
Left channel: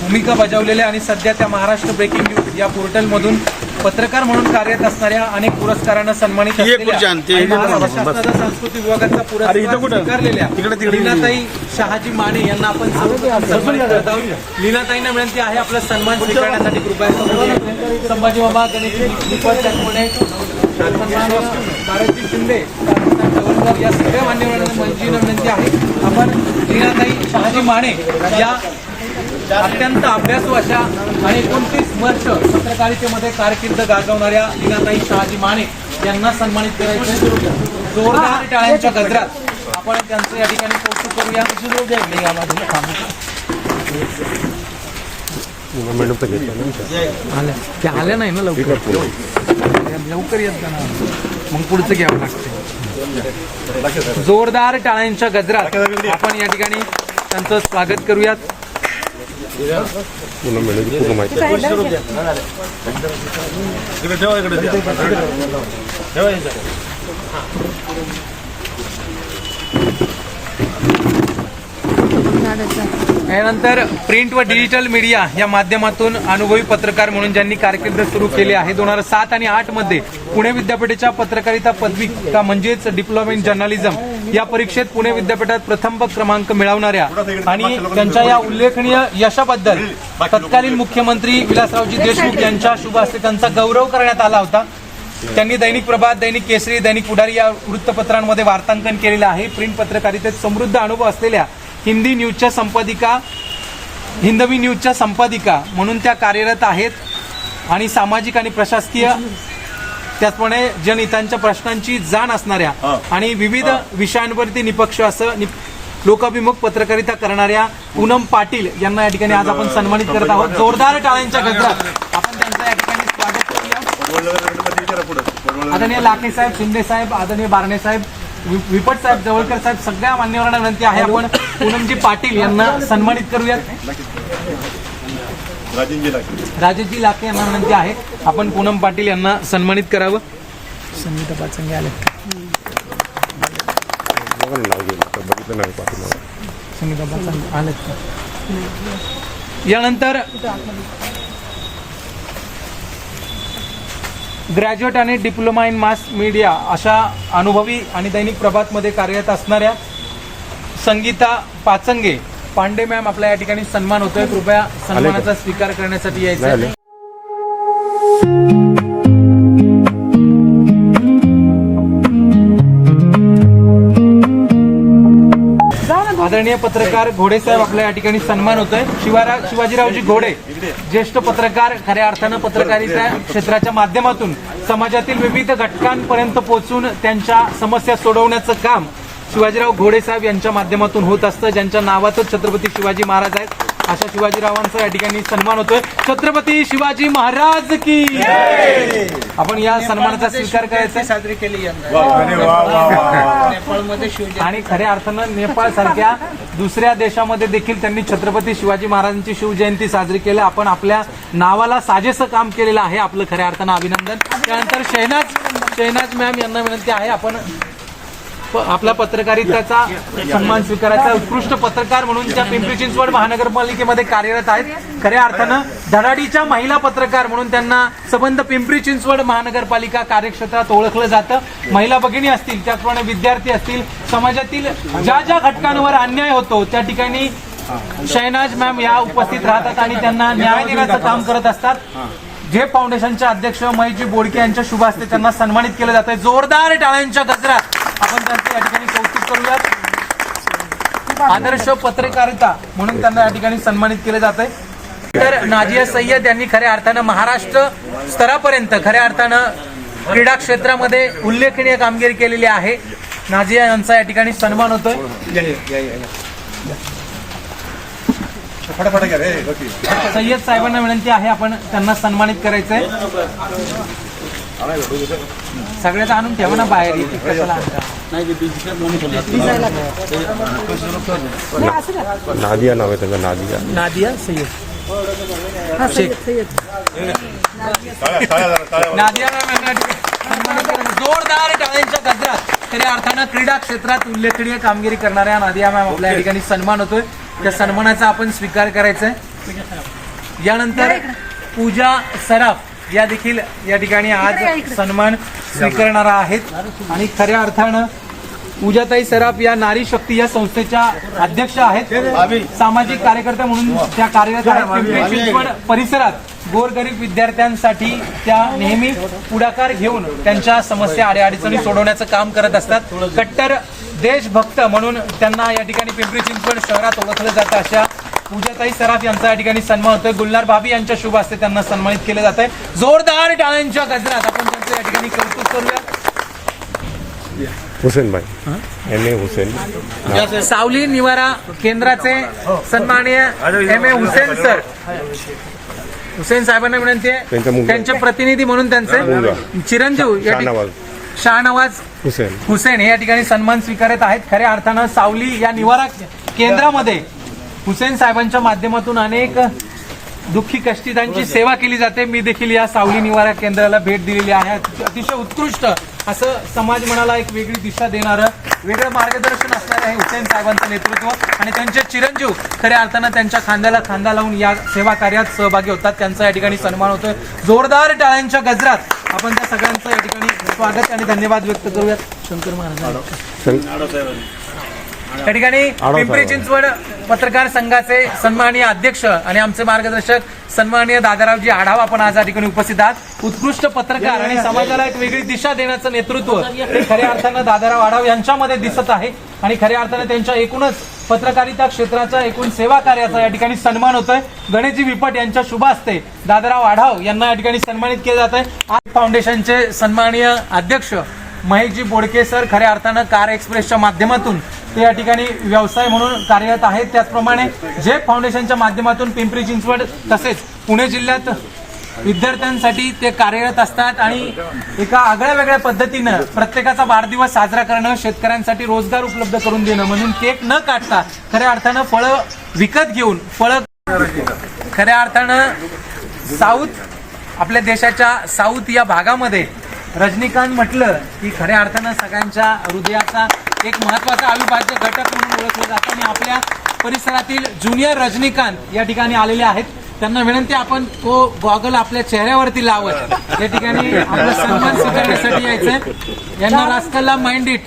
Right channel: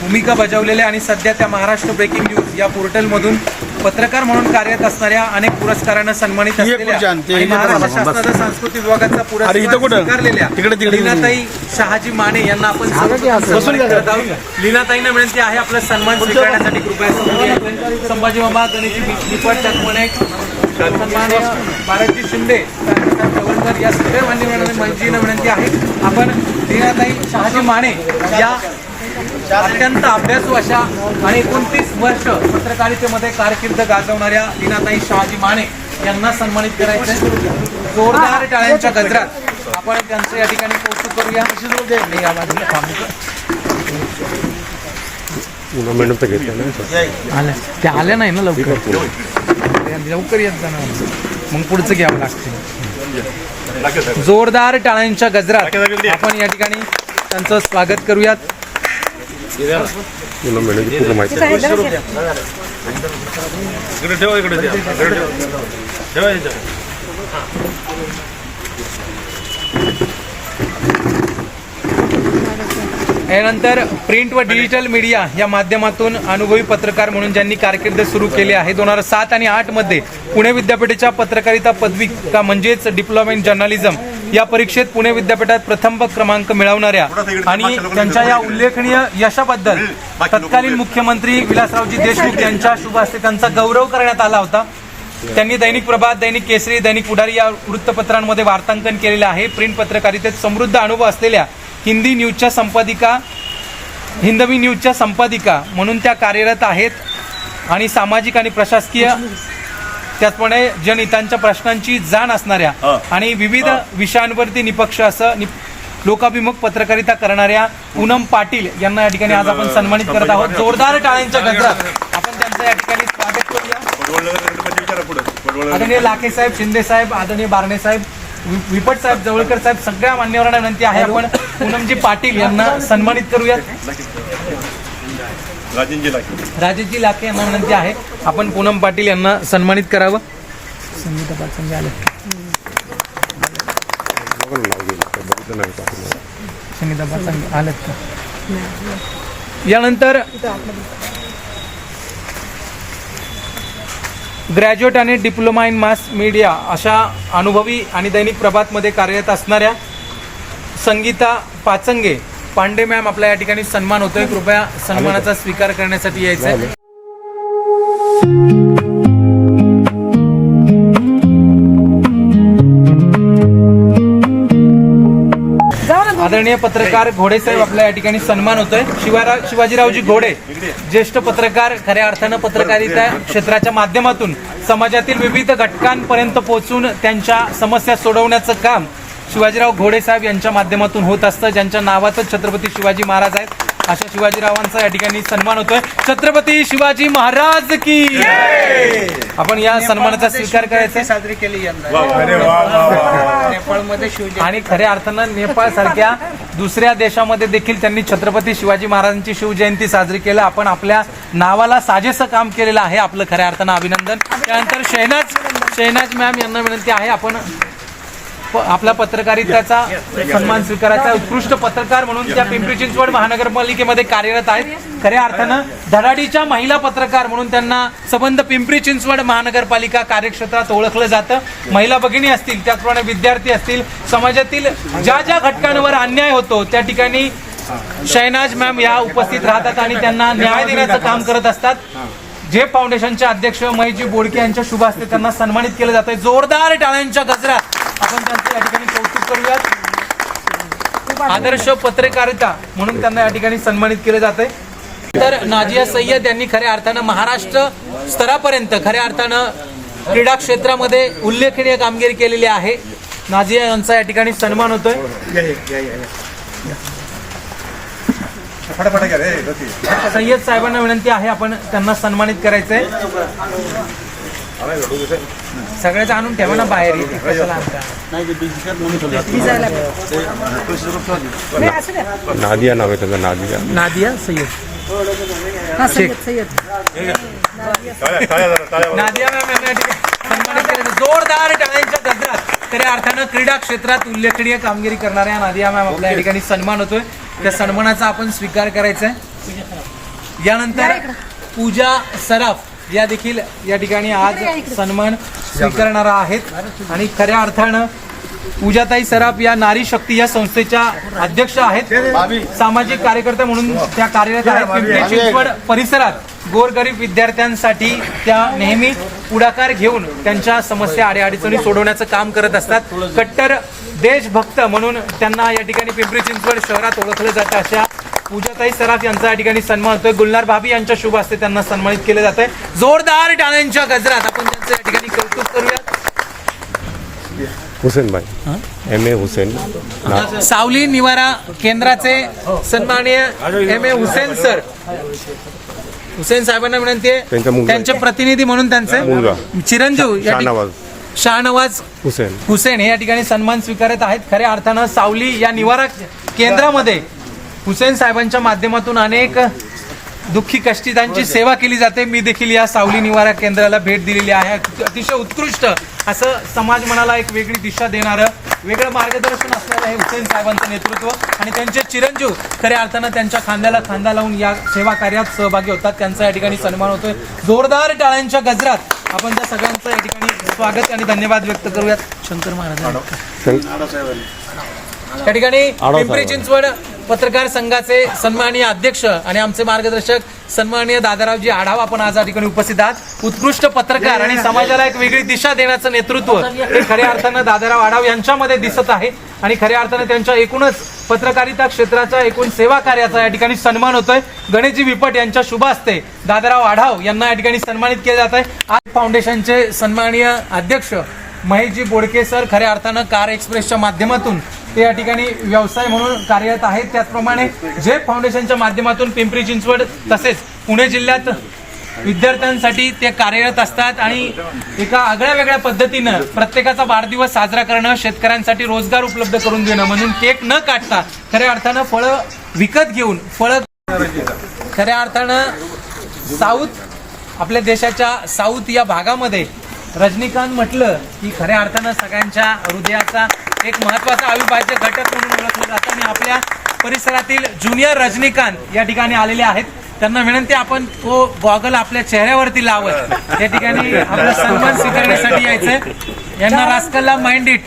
भूमिका बजावलेल्या आणि सध्या त्या महाराष्ट्र ब्रेकिंग न्यूज या पोर्टलमधून पत्रकार म्हणून कार्यरत असणाऱ्या अनेक पुरस्कारानं सन्मानित असलेल्या आणि महाराष्ट्र शासनाचा सांस्कृतिक विभागाचा पुरस्कार स्वीकारलेल्या लीनाताई शहाजी माने यांना आपण सर्वप्रथम सन्मानित करत आहोत. लीनाताईंना विनंती आहे आपला सन्मान स्वीकारण्यासाठी कृपया समोर यायचं. संभाजी मामा, गणेश दीपक चकमणे, सन्माननीय भारतजी शिंदे, चव्हाणकर या सगळ्या मान्यवरांना विनंती आहे आपण लीनाताई शहाजी माने या अत्यंत अभ्यासू अशा आणि 29 वर्ष पत्रकारितेमध्ये कारकीर्द गाजवणाऱ्या लीनाताई शहाजी माने यांना सन्मानित करायचं. जोरदार टाळ्यांच्या गजरात आपण त्यांचं या ठिकाणी कौतुक करूया. ते आले नाही ना लवकर येत जाणार, मग पुढचं घ्यावं लागतं. जोरदार टाळ्यांच्या गजरात आपण या ठिकाणी त्यांचं स्वागत करूयात. यानंतर प्रिंट व डिजिटल मीडिया या माध्यमातून अनुभवी पत्रकार म्हणून ज्यांनी कारकीर्द सुरू केली आहे. 2007 आणि 2008 मध्ये पुणे विद्यापीठाच्या पत्रकारिता पदविका म्हणजेच डिप्लोमा इन जर्नलिझम या परीक्षेत पुणे विद्यापीठात प्रथम क्रमांक मिळवणाऱ्या आणि त्यांच्या या उल्लेखनीय यशाबद्दल तत्कालीन मुख्यमंत्री विलासरावजी देशमुख यांच्या शुभ हस्ते त्यांचा गौरव करण्यात आला होता. त्यांनी दैनिक प्रभात, दैनिक केसरी, दैनिक पुढारी या वृत्तपत्रांमध्ये वार्तांकन केलेलं आहे. प्रिंट पत्रकारितेत समृद्ध अनुभव असलेल्या हिंदवी न्यूजच्या संपादिका म्हणून त्या कार्यरत आहेत आणि सामाजिक आणि प्रशासकीय त्याचप्रमाणे जनहितांच्या प्रश्नांची जाण असणाऱ्या आणि विविध विषयांवरती निपक्ष असं लोकाभिमुख पत्रकारिता करणाऱ्या पूनम पाटील यांना या ठिकाणी आज आपण सन्मानित करत आहोत. जोरदार टाळ्यांच्या गजरात आपण त्यांचं या ठिकाणी स्वागत करूया. आदरणीय लाखे साहेब, शिंदे साहेब, आदरणीय बारणे साहेब, विपट साहेब, जवळकर साहेब, सगळ्या मान्यवरांना विनंती आहे आपण पूनमजी पाटील यांना सन्मानित करूयात. राजेशजी लाखे यांना विनंती आहे आपण पूनम पाटील यांना सन्मानित करावं. संगीता पाचंगे आले, संगीता पाचंगे आले. यानंतर ग्रॅज्युएट आणि डिप्लोमा इन मास मीडिया अशा अनुभवी आणि दैनिक प्रभातमध्ये कार्यरत असणाऱ्या संगीता पाचंगे पांडे मॅम आपल्या या ठिकाणी सन्मान होतोय. कृपया सन्मानाचा स्वीकार करण्यासाठी यायचं आहे. आदरणीय पत्रकार घोडे साहेब आपल्या या ठिकाणी सन्मान होतोय. शिवाजीरावजी घोडे ज्येष्ठ पत्रकार, खऱ्या अर्थानं पत्रकारिता क्षेत्राच्या माध्यमातून समाजातील विविध घटकांपर्यंत पोहोचून त्यांच्या समस्या सोडवण्याचं काम शिवाजीराव घोडे साहेब यांच्या माध्यमातून होत असतं. ज्यांच्या नावातच छत्रपती शिवाजी महाराज आहेत अशा शिवाजीरावांचा या ठिकाणी सन्मान होतोय. छत्रपती शिवाजी महाराज की आपण या सन्मानाचा स्वीकार करायचा साजरी केली नेपाळमध्ये शिवजयंती आणि खऱ्या अर्थानं नेपाळ सारख्या दुसऱ्या देशामध्ये देखील त्यांनी छत्रपती शिवाजी महाराजांची शिवजयंती साजरी केलं. आपण आपल्या नावाला साजेसं काम केलेलं आहे, आपलं खऱ्या अर्थानं अभिनंदन. त्यानंतर शहनाज मॅम यांना विनंती आहे आपण आपला पत्रकारितेचा सन्मान स्वीकारायचा. उत्कृष्ट पत्रकार म्हणून त्या पिंपरी चिंचवड महानगरपालिकेमध्ये कार्यरत आहेत. खऱ्या अर्थानं धडाडीच्या महिला पत्रकार म्हणून त्यांना संबंध पिंपरी चिंचवड महानगरपालिका कार्यक्षेत्रात ओळखलं जातं. महिला भगिनी असतील, त्याचप्रमाणे विद्यार्थी असतील, समाजातील ज्या ज्या घटकांवर अन्याय होतो त्या ठिकाणी शहनाज मॅम या उपस्थित राहतात आणि त्यांना न्याय देण्याचं काम करत असतात. जे फाउंडेशनचे अध्यक्ष महेशजी बोडके यांच्या शुभ हस्ते त्यांना सन्मानित केलं जातंय. जोरदार टाळ्यांच्या गजरात आपण त्यांचं या ठिकाणी कौतुक करूयात. आदर्श पत्रकारिता म्हणून त्यांना या ठिकाणी सन्मानित केलं जातंय. तर नाजिया सय्यद यांनी खऱ्या अर्थानं महाराष्ट्र स्तरापर्यंत खऱ्या अर्थानं क्रीडा क्षेत्रामध्ये उल्लेखनीय कामगिरी केलेली आहे. नाजिया यांचा या ठिकाणी सन्मान होतोय. सय्यद साहेबांना विनंती आहे आपण त्यांना सन्मानित करायचंय. सगळ्याच आणून ठेवा ना बाहेर. नादिया नाव आहे त्याचं, नादिया सय्यद. नादिया मॅम यांना या ठिकाणी सन्मानित केलं. जोरदार टाळ्यांच्या गजरात खऱ्या अर्थानं क्रीडा क्षेत्रात उल्लेखनीय कामगिरी करणाऱ्या नादिया मॅम आपल्या या ठिकाणी सन्मान होतोय. त्या सन्मानाचा आपण स्वीकार करायचा आहे. यानंतर पूजा सराफ या देखील या ठिकाणी आज सन्मान स्वीकारणारा आहेत. आणि खऱ्या अर्थानं पूजाताई सराफ या नारी शक्ती या संस्थेच्या अध्यक्ष आहेत. सामाजिक कार्यकर्त्या म्हणून त्या कार्यरत आहेत. पिंपरी चिंचवड परिसरात गोरगरीब विद्यार्थ्यांसाठी त्या नेहमी पुढाकार घेऊन त्यांच्या समस्या अडीअडचणी सोडवण्याचं काम करत असतात. कट्टर देशभक्त म्हणून त्यांना या ठिकाणी पिंपरी चिंचवड शहरात ओळखलं जातं. अशा पूजाताई सराफ यांचा या ठिकाणी सन्मान होतोय. गुलनार भाभी यांच्या शुभ हस्ते त्यांना सन्मानित केलं जात आहे. जोरदार टाळ्यांच्या गजरात आपण त्यांचं या ठिकाणी कौतुक करूया. हुसेन भाई एम ए हुसेन सावली निवारा केंद्राचे सन्माननीय M A Hussain sir, Hussain साहेबांना विनंती आहे त्यांचे प्रतिनिधी म्हणून त्यांचे चिरंजीव शाहनवाज हुसेन हे या ठिकाणी सन्मान स्वीकारत आहेत. खऱ्या अर्थानं सावली या निवारा केंद्रामध्ये हुसेन साहेबांच्या माध्यमातून अनेक दुःखी कष्टितांची सेवा केली जाते. मी देखील या सावली निवारा केंद्राला भेट दिलेली आहे. अतिशय उत्कृष्ट असं समाज मनाला एक वेगळी दिशा देणारं वेगळं मार्गदर्शन असलेलं आहे हुसेन साहेबांचं नेतृत्व. आणि त्यांचे चिरंजीव खऱ्या अर्थानं त्यांच्या खांद्याला खांदा लावून या सेवा कार्यात सहभागी होतात. त्यांचा या ठिकाणी सन्मान होतोय. जोरदार टाळ्यांच्या गजरात आपण त्या सगळ्यांचं या ठिकाणी स्वागत आणि धन्यवाद व्यक्त करूयात. शंकर महाराज या ठिकाणी पिंपरी चिंचवड पत्रकार संघाचे सन्माननीय अध्यक्ष आणि आमचे मार्गदर्शक सन्माननीय दादारावजी आढाव आपण आज या ठिकाणी उपस्थित आहात. उत्कृष्ट पत्रकार आणि समाजाला एक वेगळी दिशा देण्याचं नेतृत्व हे खऱ्या अर्थानं दादाराव आढाव यांच्यामध्ये दिसत आहे. आणि खऱ्या अर्थानं त्यांच्या एकूणच पत्रकारिता क्षेत्राच्या एकूण सेवा कार्याचा या ठिकाणी सन्मान होतोय. गणेशजी विपट यांच्या शुभ हस्ते दादाराव आढाव यांना या ठिकाणी सन्मानित केलं जात आहे. आज फाउंडेशनचे सन्माननीय अध्यक्ष महेशजी बोडके सर खऱ्या अर्थानं कार एक्सप्रेसच्या माध्यमातून ते या ठिकाणी व्यवसाय म्हणून कार्यरत आहेत. त्याचप्रमाणे जे फाउंडेशनच्या माध्यमातून पिंपरी चिंचवड तसेच पुणे जिल्ह्यात विद्यार्थ्यांसाठी ते कार्यरत असतात. आणि एका आगळ्या वेगळ्या पद्धतीनं प्रत्येकाचा वाढदिवस साजरा करणं, शेतकऱ्यांसाठी रोजगार उपलब्ध करून देणं म्हणून केक न काढता खऱ्या अर्थानं फळं विकत घेऊन खऱ्या अर्थानं आपल्या देशाच्या साऊथ या भागामध्ये रजनीकांत म्हटलं की खऱ्या अर्थानं सगळ्यांच्या हृदयाचा एक महत्वाचा अविभाज्य घटक म्हणून ओळखलं जातं. आणि आपल्या परिसरातील ज्युनियर रजनीकांत या ठिकाणी आलेले आहेत. त्यांना विनंती आपण तो गॉगल आपल्या चेहऱ्यावरती लावत या ठिकाणी आपला सन्मान स्वीकारण्यासाठी यायचंय. यांना रास्कलला माइंड इट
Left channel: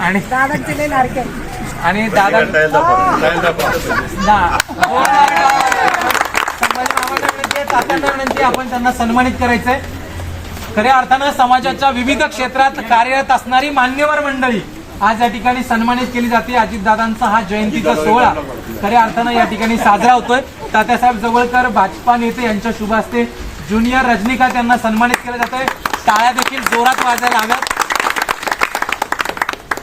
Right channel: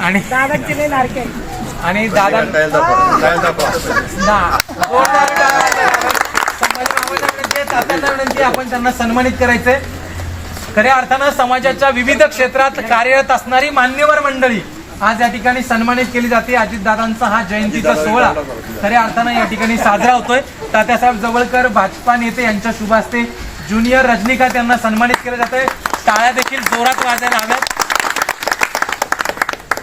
आणि दादा विनंती आपण त्यांना सन्मानित करायचंय. खऱ्या अर्थानं समाजाच्या विविध क्षेत्रात कार्यरत असणारी मान्यवर मंडळी आज या ठिकाणी सन्मानित केली जाते. अजितदादांचा हा जयंतीचा सोहळा खऱ्या अर्थानं या ठिकाणी साजरा होतोय. तात्यासाहेब जवळकर भाजपा नेते यांच्या शुभ हस्ते ज्युनियर रजनीकांत यांना सन्मानित केलं जातंय. टाळ्या देखील जोरात वाजायला हव्यात.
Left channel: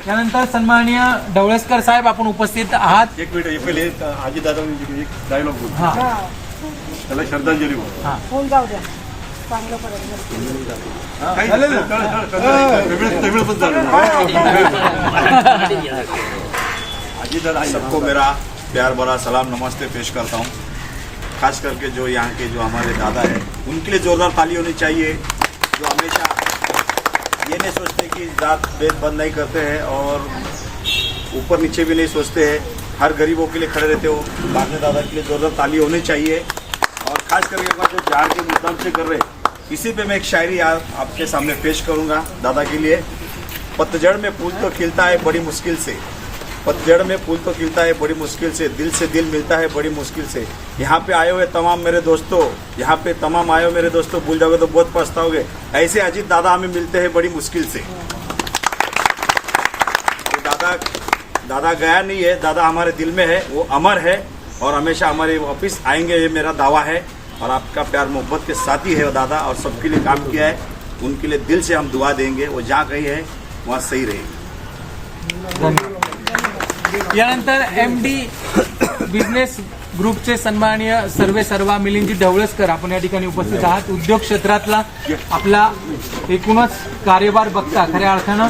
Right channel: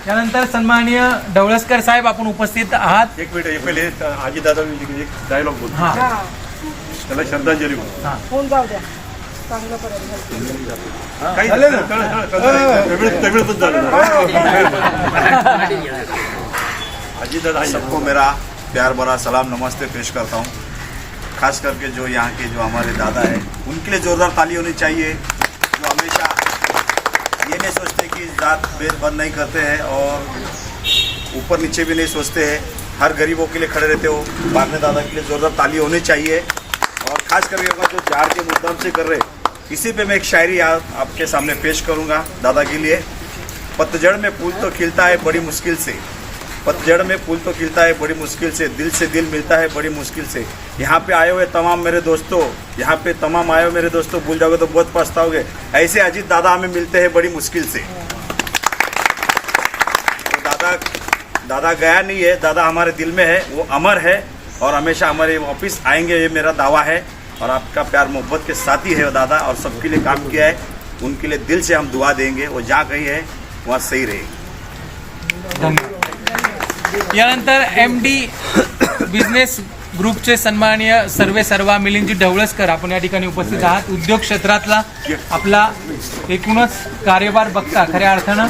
त्यानंतर सन्माननीय ढवळसकर साहेब आपण उपस्थित आहात. एक मिनिट पहिले अजितदादा एक डायलॉग बोल, त्याला श्रद्धांजली बोल. काही झालं ना, तमिळ पण झालं ना. अजीतदादा सबको मेरा प्यार भरा सलाम नमस्ते पेश करता हूँ. खास करके जो यहाँ के जो हमारे दादा है उनके लिए जोरदार ताली होनी चाहिए, जो हमेशा ये नहीं सोचते कि जात भेदभाव नहीं करते हैं और ऊपर नीचे भी नहीं सोचते हैं, हर गरीबों के लिए खड़े रहते हो. बारने दादा के लिए जोरदार ताली होनी चाहिए. और खास करके जो झाड़ के मुद्दाम से कर रहे, इसी पे मैं एक शायरी आपके सामने पेश करूंगा दादा के लिए. पतझड़ में फूल तो खिलता है बड़ी मुश्किल से, पतझड़ में फूल तो खिलता है बड़ी मुश्किल से दिल मिलता है बड़ी मुश्किल से. यहाँ पे आए हुए तमाम मेरे दोस्तों, यहाँ पे तमाम आए हुए मेरे दोस्तों, भूल जाओगे तो बहुत पछताओगे. ऐसे अजीत दादा हमें मिलते हैं बड़ी मुश्किल से. तो दादा गया नहीं है, दादा हमारे दिल में है, वो अमर है और हमेशा हमारे वापिस आएंगे, ये मेरा दावा है. और आपका प्यार मोहब्बत के साथी है वो दादा, और सबके लिए काम किया है. उनके लिए दिल से हम दुआ देंगे, वो जहाँ कहीं है वहाँ सही रहेगी. यानंतर MD बिझनेस ग्रुपचे सन्माननीय सर्वा मिलिंदजी ढवळसकर आपण या ठिकाणी उपस्थित आहात. उद्योग क्षेत्रातला आपला एकूणच कार्यभार बघता खऱ्या अर्थानं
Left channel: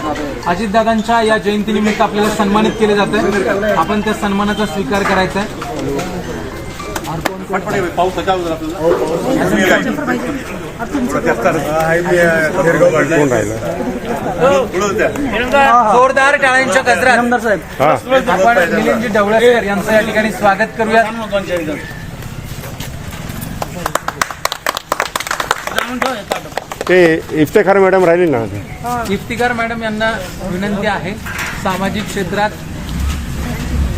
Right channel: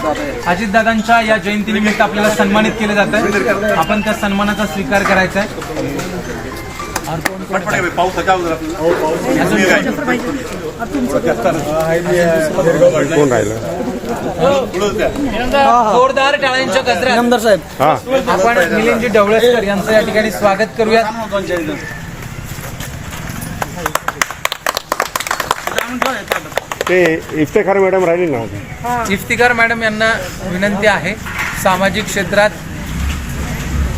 अजितदादांच्या या जयंतीनिमित्त आपल्याला सन्मानित केलं जातं. आपण त्या सन्मानाचा स्वीकार करायचा आहे. फटफट पाऊसाच्या अगोदर आपल्याला कोण राहिलं? जोरदार टाळ्यांच्या गजरात आपण मिलिंदजी ढवळेकर यांचं या ठिकाणी स्वागत करूया. ते इफ्तेखार मॅडम राहिली ना. इफ्तिकार मॅडम यांना विनंती आहे, सामाजिक क्षेत्रात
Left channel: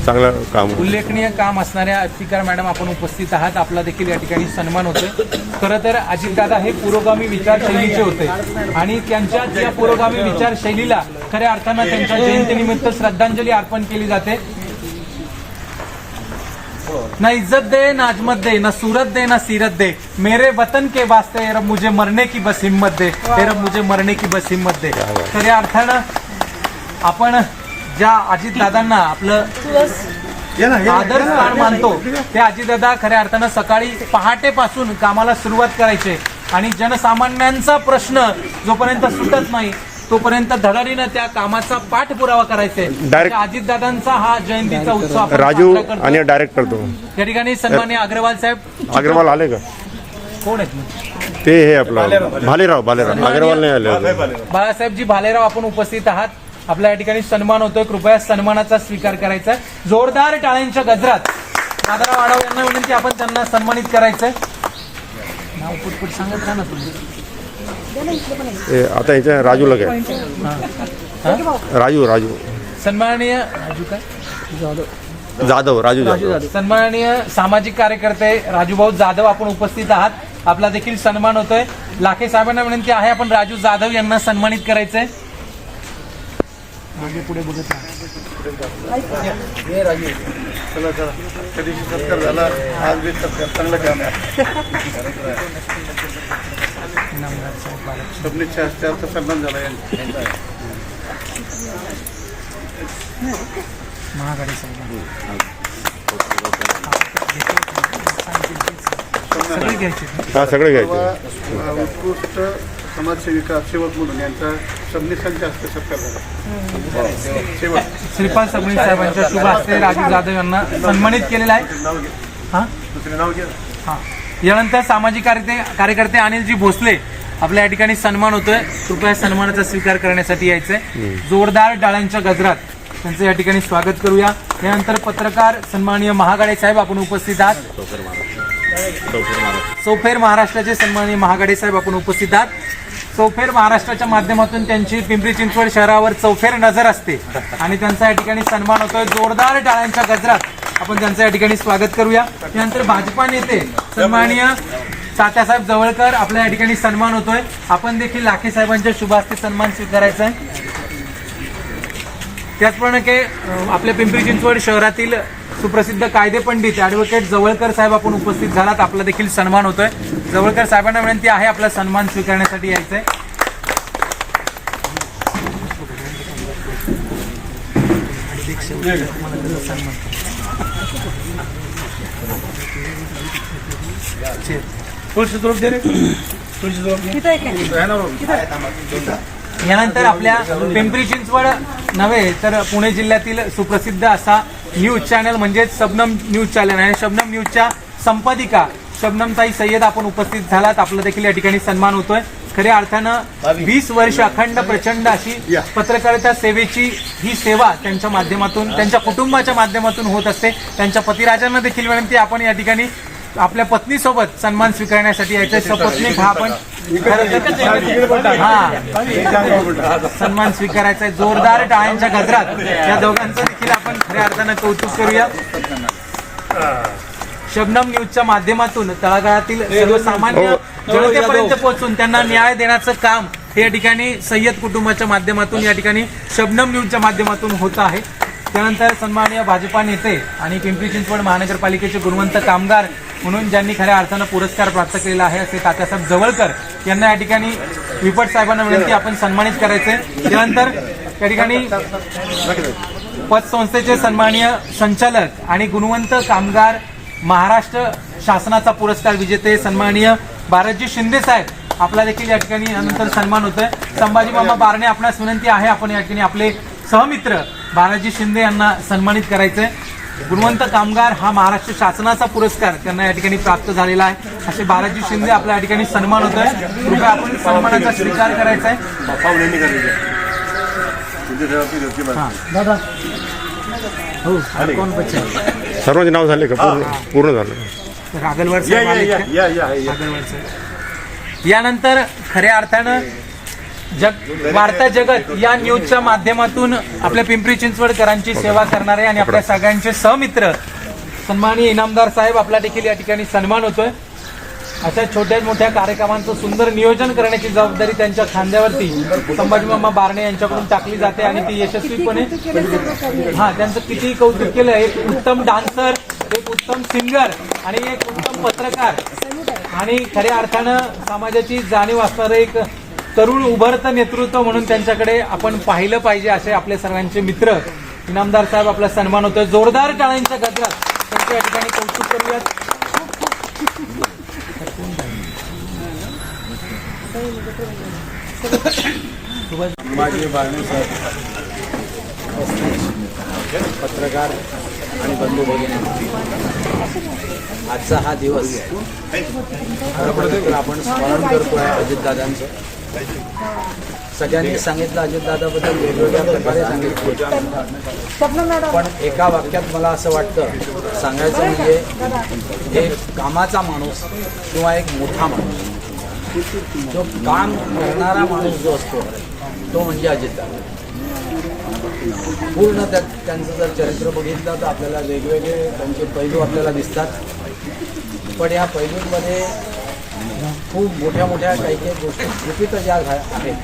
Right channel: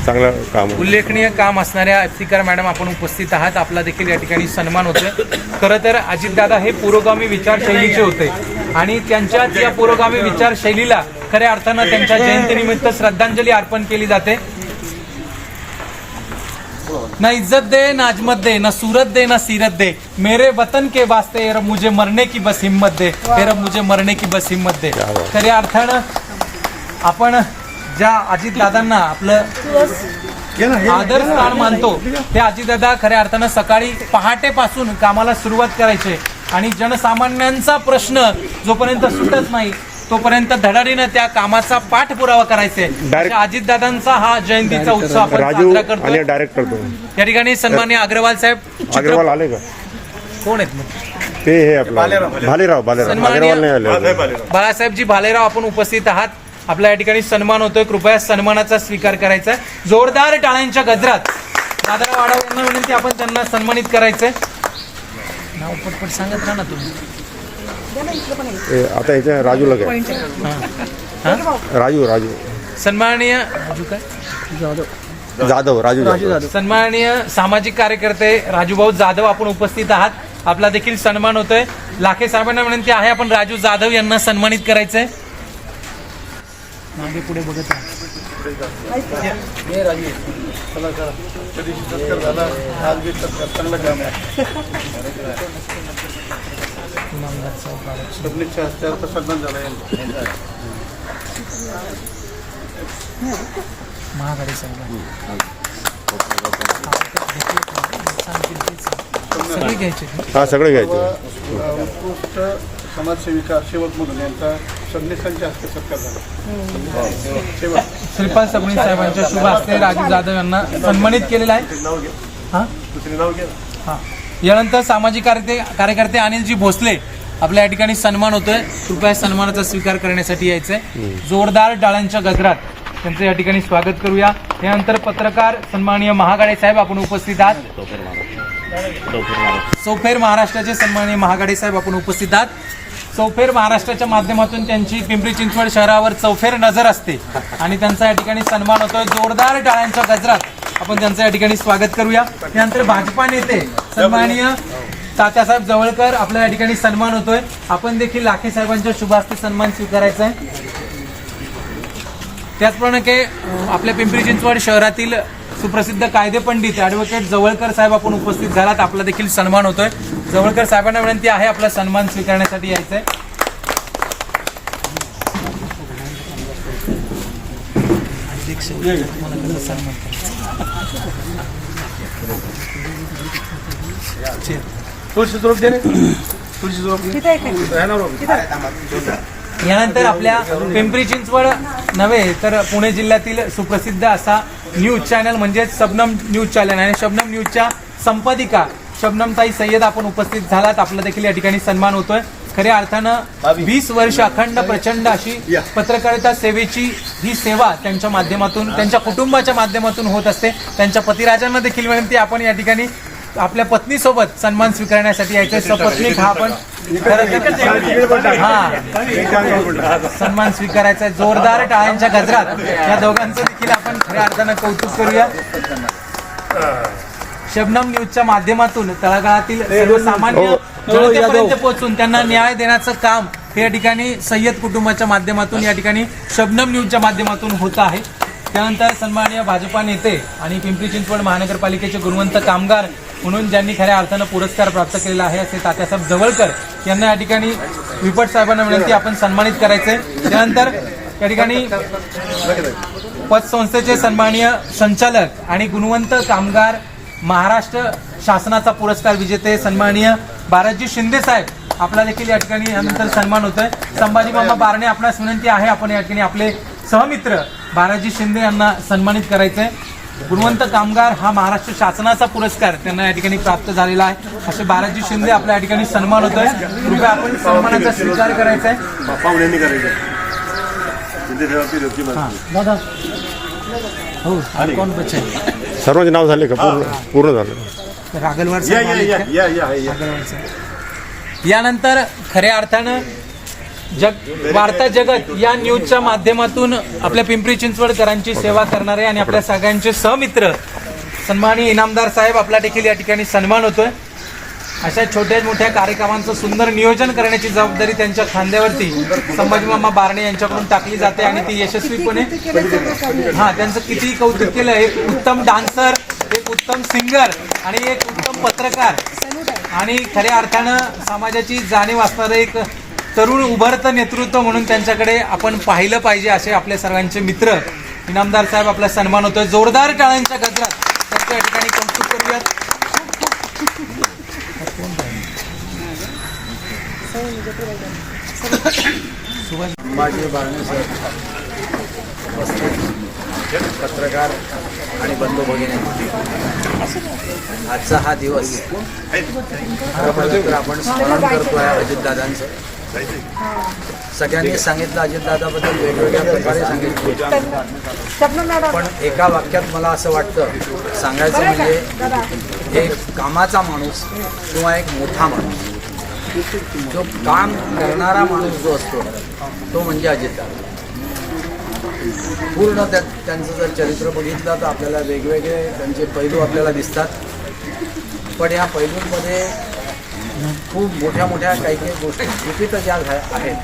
चांगलं काम. उल्लेखनीय काम असणाऱ्या इफ्तिकार मॅडम आपण उपस्थित आहात. आपला देखील या ठिकाणी सन्मान होतोय. खरं तर अजितदादा हे पुरोगामी विचारशैलीचे होते आणि त्यांच्या या पुरोगामी विचारशैलीला खऱ्या अर्थानं त्यांच्या जयंतीनिमित्त श्रद्धांजली अर्पण केली जाते. ना इज्जत दे ना अजमत दे, ना सूरत दे ना सीरत दे, मेरे वतन के वास्ते रब मुझे मरने की बस हिम्मत दे, हे रब मुझे मरने की बस हिम्मत दे. खऱ्या अर्थानं आपण ज्या अजितदादांना आपलं आदर स्थान मानतो ते अजितदादा खऱ्या अर्थानं सकाळी पहाटेपासून कामाला सुरुवात करायचे आणि जनसामान्यांचा प्रश्न जोपर्यंत सुटत नाही तोपर्यंत धडाडीनं त्या कामाचा पाठपुरावा करायचे. अजितदादांचा हा जयंतीचा उत्सव आपण राजू साजरा करतो. आणि डायरेक्टर तो या ठिकाणी सन्माननीय अग्रवाल साहेब. अग्रवाल आले का? कोण आहेत मग? ते हे आपलं भालेराव अग्रवाल नाही आले. बाळासाहेबजी भालेराव आपण उपस्थित आहात. आपल्या या ठिकाणी सन्मान होतोय. कृपया सन्मानाचा स्वीकार करायचा. जोरदार टाळ्यांच्या गजरात दादाराव आढाव यांना विनंती, आपण त्यांना सन्मानित करायचंय. नाव पटपट सांगत राहा ना तुम्ही. आता इथे राजूला काय? राजू सन्माननीय जाधव. सन्माननीय सामाजिक कार्यकर्ते राजूभाऊ जाधव आपण उपस्थित आहात. आपला देखील सन्मान होतोय. लाखे साहेबांना विनंती आहे, आपण राजू जाधव यांना सन्मानित करायचंय. पुढे बघत चला त्या दिवशी सत्कार झाला, आज बी सत्कार चांगलं काम आहे. सबनीच्या हस्त्यावर सन्मान झाला यांचा. महागाडी सगळे घ्यायचे. उत्कृष्ट समाजसेविका सेवक म्हणून यांचा सबनीसांच्या हस्ते सत्कार झाला. श्रीपाल सबनीस साहेबांच्या शुभ हस्ते राजू जाधव यांना सन्मानित केलेला आहे. दुसरे नाव घ्या. यानंतर सामाजिक कार्यकर्ते अनिलजी भोसले आपल्या या ठिकाणी सन्मान होतोय. कृपया सन्मानाचा स्वीकार करण्यासाठी यायचंय. जोरदार टाळ्यांच्या गजरात त्यांचं या ठिकाणी स्वागत करूया. यानंतर पत्रकार सन्माननीय महागाडे साहेब आपण उपस्थित आहात. चौफेर महाराष्ट्राचे सन्माननीय महागाडे साहेब आपण उपस्थित आहात. चौफेर महाराष्ट्राच्या माध्यमातून त्यांची पिंपरी चिंचवड शहरावर चौफेर नजर असते आणि त्यांचा या ठिकाणी सन्मान होतोय. जोरदार टाळ्यांच्या गजरात आपण त्यांचं या ठिकाणी स्वागत करूया. त्यानंतर भाजपा नेते सन्माननीय तात्यासाहेब जवळकर आपल्या या ठिकाणी सन्मान होतोय. आपण देखील लाखे साहेबांच्या शुभ हस्ते सन्मान स्वीकारायचा आहे. त्याचप्रमाणे आपल्या पिंपरी चिंचवड शहरातील सुप्रसिद्ध कायदे पंडित ॲडव्होकेट जवळकर साहेब आपण उपस्थित झालात. आपला देखील सन्मान होतोय. जवळकर साहेबांना विनंती आहे, आपला सन्मान स्वीकारण्यासाठी यायचंय. यानंतर आपल्या पिंपरी चिंचवड नव्हे तर पुणे जिल्ह्यातील सुप्रसिद्ध असा न्यूज चॅनल म्हणजेच शबनम न्यूज चॅनल आणि शबनम न्यूजच्या संपादिका शबनमताई सय्यद आपण उपस्थित झालात. आपला देखील या ठिकाणी सन्मान होतोय. खऱ्या अर्थानं 20 वर्ष अखंड प्रचंड अशी पत्रकारिता सेवेची ही सेवा त्यांच्या माध्यमातून त्यांच्या कुटुंबाच्या माध्यमातून होत असते. त्यांच्या पतिराजांना देखील विनंती, आपण या ठिकाणी आपल्या पत्नीसोबत सन्मान स्वीकारण्यासाठी यायचे. सपत्नीक हा पण सन्मान स्वीकारायचा आहे. जोरदार टाळ्यांच्या गजरात या दोघांचं देखील आपण खऱ्या अर्थानं कौतुक करूया. शबनम न्यूजच्या माध्यमातून तळागाळातील सर्वसामान्य जनतेपर्यंत पोहोचून त्यांना न्याय देण्याचं काम या ठिकाणी सय्यद कुटुंबाच्या माध्यमातून या ठिकाणी शबनम न्यूजच्या माध्यमातून होत आहे. त्यानंतर सन्माननीय भाजपा नेते आणि पिंपरी चिंचवड महानगरपालिकेचे गुणवंत कामगार म्हणून ज्यांनी खऱ्या अर्थानं पुरस्कार प्राप्त केलेला आहे असे तात्यासाहेब जवळकर यांना या ठिकाणी विपट साहेबांना विनंती, आपण सन्मानित करायचंय. त्यानंतर या ठिकाणी पतसंस्थेचे सन्माननीय संचालक आणि गुणवंत कामगार महाराष्ट्र शासनाचा पुरस्कार विजेते सन्माननीय बाराजी शिंदे साहेब आपला देखील या ठिकाणी यानंतर सन्मान होतोय. संभाजीबाबा बारणे आपणास विनंती आहे, आपण या ठिकाणी आपले सहमित्र बालाजी शिंदे यांना सन्मानित करायचंय. गुणवंत कामगार हा महाराष्ट्र शासनाचा पुरस्कार त्यांना या ठिकाणी प्राप्त झालेला आहे. असे बालाजी शिंदे आपल्या या ठिकाणी सन्मान होतोय. कृपया आपण सन्मानाचा स्वीकार करायचा आहे. पाहुण्यांनी करायचं शिंदे साहेबांची योग्य माणसं. दादा हो कोण बच्चे सर्वांचे नाव झाले का? पूर्ण झालं. रागलवर या या या या या या यानंतर खऱ्या अर्थानं वार्ता जगत या न्यूजच्या माध्यमातून आपल्या पिंपरी चिंचवडकरांची सेवा करणारे आणि आपल्या सगळ्यांचे सहमित्र सन्माननीय इनामदार साहेब आपला देखील या ठिकाणी सन्मान होतोय. अशा छोट्या मोठ्या कार्यक्रमांचं सुंदर नियोजन करण्याची जबाबदारी त्यांच्या खांद्यावरती संभाजीमामा बारणे यांच्याकडून टाकली जाते आणि ती यशस्वीपणे त्यांचं कितीही कौतुक केलं. एक उत्तम डान्सर, एक उत्तम सिंगर आणि एक उत्तम पत्रकार आणि खऱ्या अर्थानं समाजाची जाणीव असणारं एक तरुण उभरतं नेतृत्व म्हणून त्यांच्याकडे आपण पाहिलं पाहिजे. असे आपले सर्वांचे मित्र इनामदार साहेब आपला सन्मान होतोय. जोरदार टाळ्यांच्या गजरात त्यांच्या या ठिकाणी कौतुक करूयात. संभाजी बारणे सर उपस्थित पत्रकार आणि बंधू भगिनी, आजचा हा दिवस खरं पाहिलं तर आपण स्मरण करतोय अजितदादांचं. सगळ्यांनी सांगितलं अजितदादाबद्दल वेगवेगळ्या प्रकारे सांगितले, पण एका वाक्यात मला असं वाटतं सांगायचं म्हणजे एक कामाचा माणूस किंवा एक मोठा माणूस, जो काम करणारा माणूस जो असतो तो म्हणजे अजितदादा. पूर्ण त्यांचं जर चरित्र बघितलं तर आपल्याला वेगवेगळे त्यांचे पैलू आपल्याला दिसतात, पण या पैलूंमध्ये खूप मोठ्या मोठ्या काही काही गोष्टी गुपित ज्या आहेत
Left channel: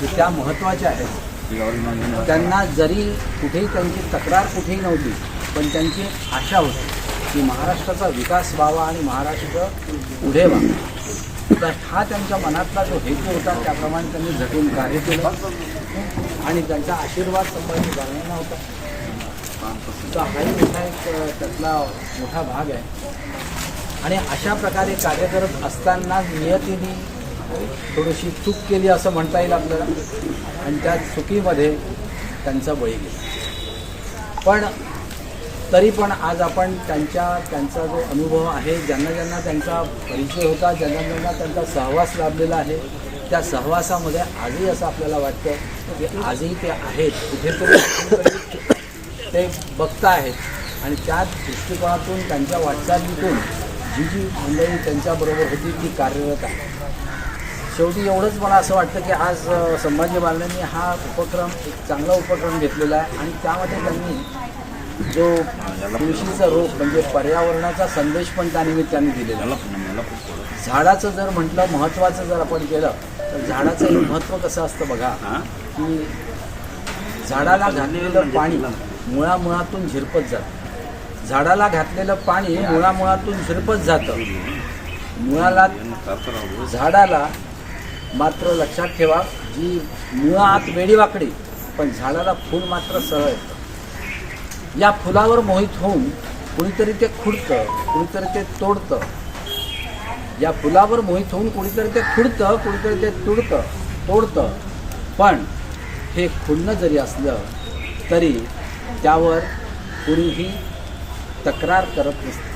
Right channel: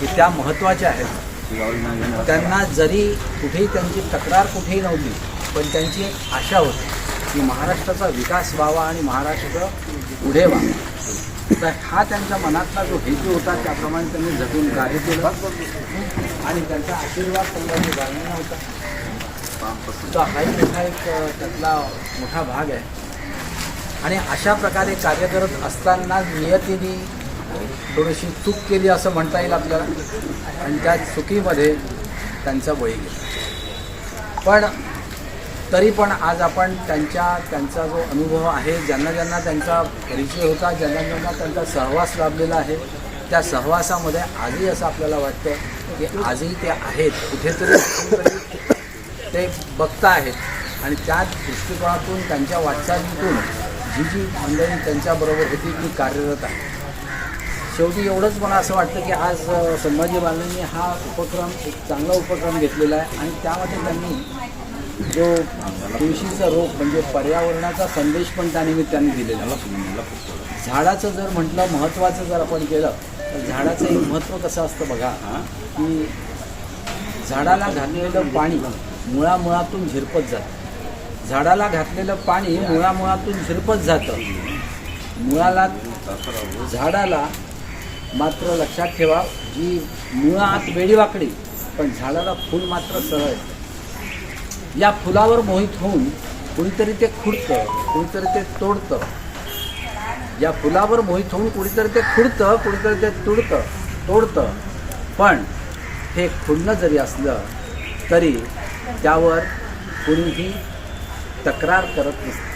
की त्या महत्त्वाच्या आहेत. त्यांना जरी कुठेही त्यांची तक्रार कुठेही नव्हती, पण त्यांची आशा होती की महाराष्ट्राचा विकास व्हावा आणि महाराष्ट्र पुढे व्हावा. तर हा त्यांच्या मनातला जो हेतू होता त्याप्रमाणे त्यांनी झटून कार्य केलं आणि त्यांचा आशीर्वाद संभाजी बारण्यांना होता. तर हाही मोठा एक त्यातला मोठा भाग आहे. आणि अशा प्रकारे कार्य करत असताना नियतीने थोडीशी चूक केली असं म्हणता येईल आपल्याला, आणि त्या चुकीमध्ये त्यांचा बळी गेला. पण तरी पण आज आपण त्यांचा जो अनुभव आहे, ज्यांना ज्यांना त्यांचा परिचय होता, ज्यांना ज्यांना त्यांचा सहवास लाभलेला आहे, त्या सहवासामध्ये आजही असं आपल्याला वाटतं की आजही ते आहेत, कुठेतरी ते बघता आहेत आणि त्या दृष्टिकोनातून त्यांच्या वाटचालीतून जी जी मंडळी त्यांच्याबरोबर होती ती कार्यरत आहे. शेवटी एवढंच मला असं वाटतं की आज संभाजी बारण्यांनी हा उपक्रम एक चांगला उपक्रम घेतलेला आहे आणि त्यामध्ये त्यांनी जो तुळशीचं रोप म्हणजे पर्यावरणाचा संदेश पण त्यानिमित्ताने दिलेला आहे. झाडाचं जर म्हटलं महत्त्वाचं जर आपण केलं तर झाडाचं एक महत्त्व कसं असतं बघा, की झाडाला घातलेलं पाणी मुळामुळातून झिरपत जातं. झाडाला घातलेलं पाणी मुळामुळातून झिरपत जातं. झाडाला मात्र लक्षात ठेवा, जी मुळात वेडीवाकडी पण झाडाला फूल मात्र सरळ येतं. या फुलावर मोहित होऊन कुणीतरी ते खुडतं, कुणीतरी ते तोडतं. या फुलावर मोहित होऊन कुणीतरी ते खुडतं, कुणीतरी ते तोडतं. पण हे खुडणं जरी असलं तरी त्यावर कुणीही तक्रार करत नसते.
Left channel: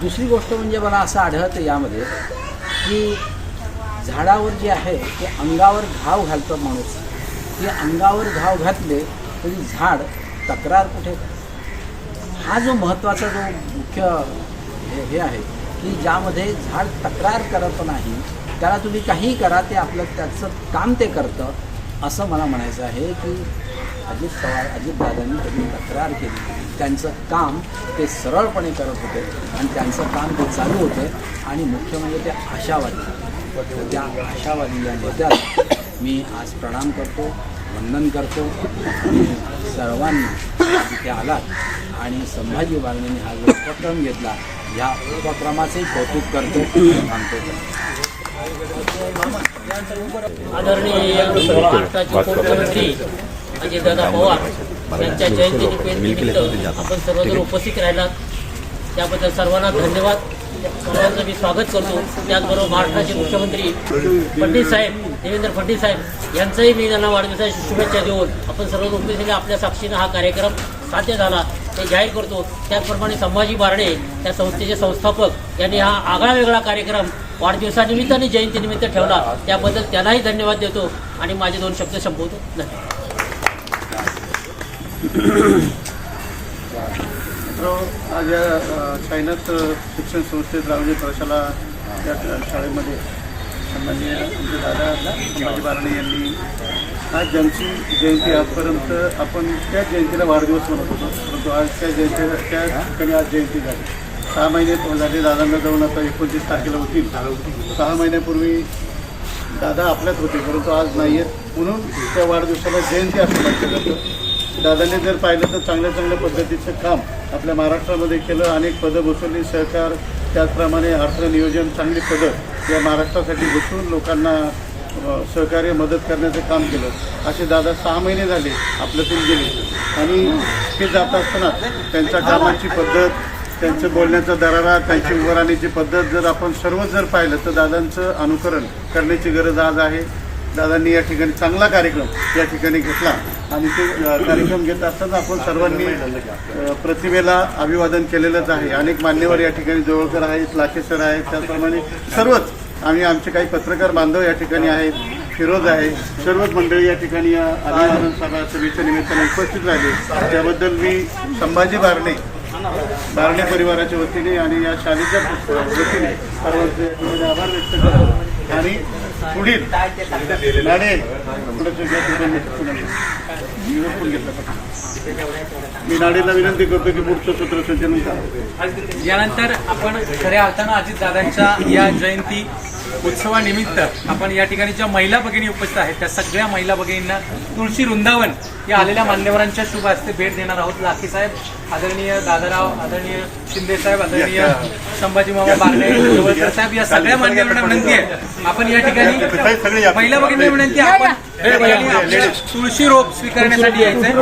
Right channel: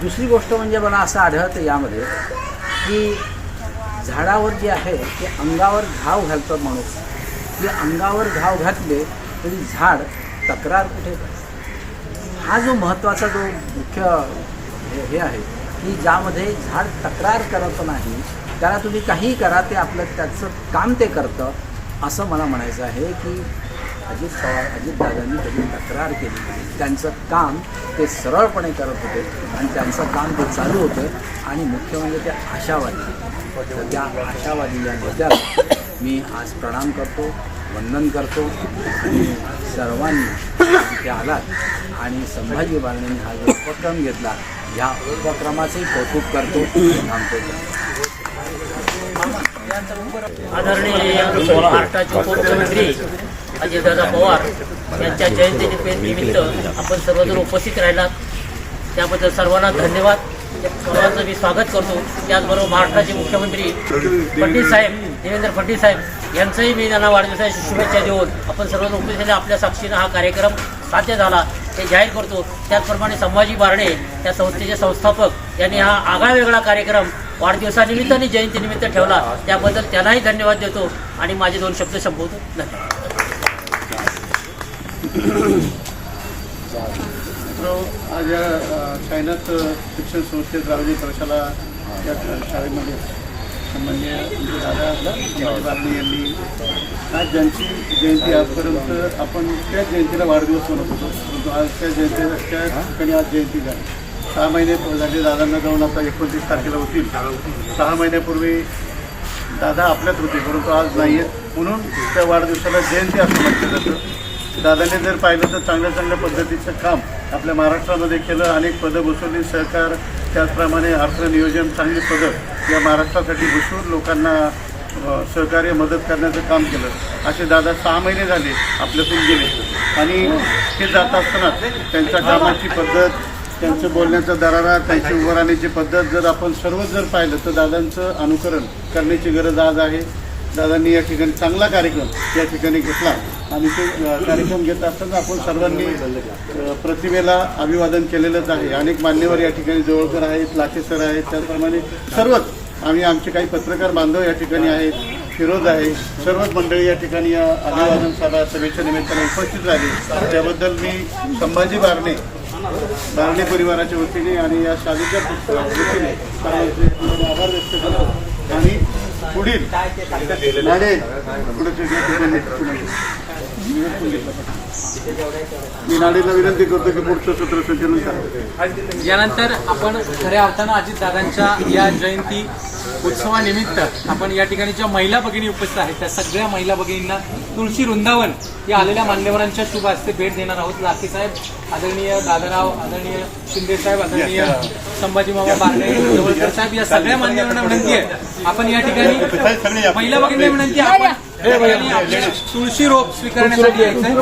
दुसरी गोष्ट म्हणजे मला असं आढळतं यामध्ये की झाडावर जे आहे ते अंगावर घाव घालतं माणूस, की अंगावर घाव घातले तरी झाड तक्रार कुठे करतं. हा जो महत्त्वाचा जो मुख्य हे आहे की ज्यामध्ये झाड तक्रार करत नाही, त्याला तुम्ही काहीही करा ते त्याचं काम ते करतं. असं मला म्हणायचं आहे की अजितदादांनी कधी तक्रार केली, त्यांचं काम ते सरळपणे करत होते आणि त्यांचं काम ते चालू होते. आणि मुख्य म्हणजे ते आशावादी. तर त्या आशावादी या नेत्याला मी आज प्रणाम करतो, वंदन करतो आणि सर्वांनी तिथे आलात आणि संभाजी बारण्यांनी हा जो उपक्रम घेतला ह्या उपक्रमाचंही कौतुक करतो आणि थांबतो. आदरणीय महाराष्ट्राचे मुख्यमंत्री अजितदादा पवार यांच्या जयंतीनिमित्त आपण सर्वजण उपस्थित राहिलात त्याबद्दल सर्वांना धन्यवाद. सर्वांचं मी स्वागत करतो. त्याचबरोबर महाराष्ट्राचे मुख्यमंत्री देवेंद्र फडणवीस साहेब यांचाही मी त्यांना वाढदिवसाच्या शुभेच्छा देऊन आपण सर्वजण उपस्थित आपल्या साक्षीनं हा कार्यक्रम साध्य झाला ते जाहीर करतो. त्याचप्रमाणे संभाजी बारणे या संस्थेचे संस्थापक यांनी हा आगळा वेगळा कार्यक्रम वाढदिवसानिमित्त आणि जयंतीनिमित्त ठेवला, त्याबद्दल त्यांनाही धन्यवाद देतो आणि माझे 2 शब्द संपवतो. धन्यवाद. आज या साईनाथ शिक्षण संस्थेत रावजी प्रशाला या शाळेमध्ये सन्माननीय आमचे दादा संभाजी बारणे यांनी आज ज्यांची जयंती आजपर्यंत आपण त्या जयंतीला वाढदिवस म्हणत होतो, परंतु आज त्या ठिकाणी आज जयंती झाली. 6 महिने झाले दादांना जाऊन, आता 29 तारखेला होतील. 6 महिन्यापूर्वी दादा आपल्यात होते परंतु आज नाही आहेत, म्हणून त्या वाढदिवसाला जयंती असं म्हटलं जातं. दादाने जर पाहिलं तर चांगल्या चांगल्या पद्धतीचं काम आपल्या महाराष्ट्रामध्ये केलं. अनेक पदं बसवली, सहकार, त्याचप्रमाणे अर्थनियोजन, चांगली पदं या महाराष्ट्रासाठी बसवून लोकांना सहकार्य मदत करण्याचं काम केलं. असे दादा 6 महिने झाले आपल्यातून गेले आणि हे जात असताना त्यांच्या कामाची पद्धत, त्यांचं बोलण्याचा दरारा, त्यांची उभं राहण्याची पद्धत जर आपण सर्वच जर पाहिलं तर दादांचं अनुकरण करण्याची गरज आज आहे. दादांनी या ठिकाणी चांगला कार्यक्रम या ठिकाणी घेतला आणि ते कार्यक्रम घेत असताना आपण सर्वांनी प्रतिमेला अभिवादन केलेलंच आहे. अनेक मान्यवर या ठिकाणी जवळकर आहेत, लाखे सर आहेत, त्याचप्रमाणे सर्वच आमचे काही पत्रकार बांधव या ठिकाणी आहेत, फिरोज आहे, सर्वच मंडळी या ठिकाणी या अभिवादन सभेच्या निमित्ताने उपस्थित झाले. त्याबद्दल मी संभाजी बारणे परिवाराच्या वतीने आणि या शाळेच्या वतीने सर्वांचे आभार व्यक्त करतो आणि पुढील मी नाडेला विनंती करतो की पुढचं सूत्र संचलन करावं. यानंतर आपण खऱ्या अर्थानं अजितदादांच्या या जयंती उत्सवानिमित्त आपण या ठिकाणी ज्या महिला भगिनी उपस्थित आहेत त्या सगळ्या महिला भगिनींना तुळशी वृंदावन या आलेल्या मान्यवरांच्या शुभ हस्ते भेट देणार आहोत. लाखे साहेब, आदरणीय दादाराव, आदरणीय शिंदे साहेब, आदरणीय संभाजी मामा बारणे, जवळकर साहेब, या सगळ्या मान्यवरांना विनंती आहे आपण या ठिकाणी महिला भगिनींना विनंती आहे आपण तुळशी रोप स्वीकारण्यासाठी यायचंय.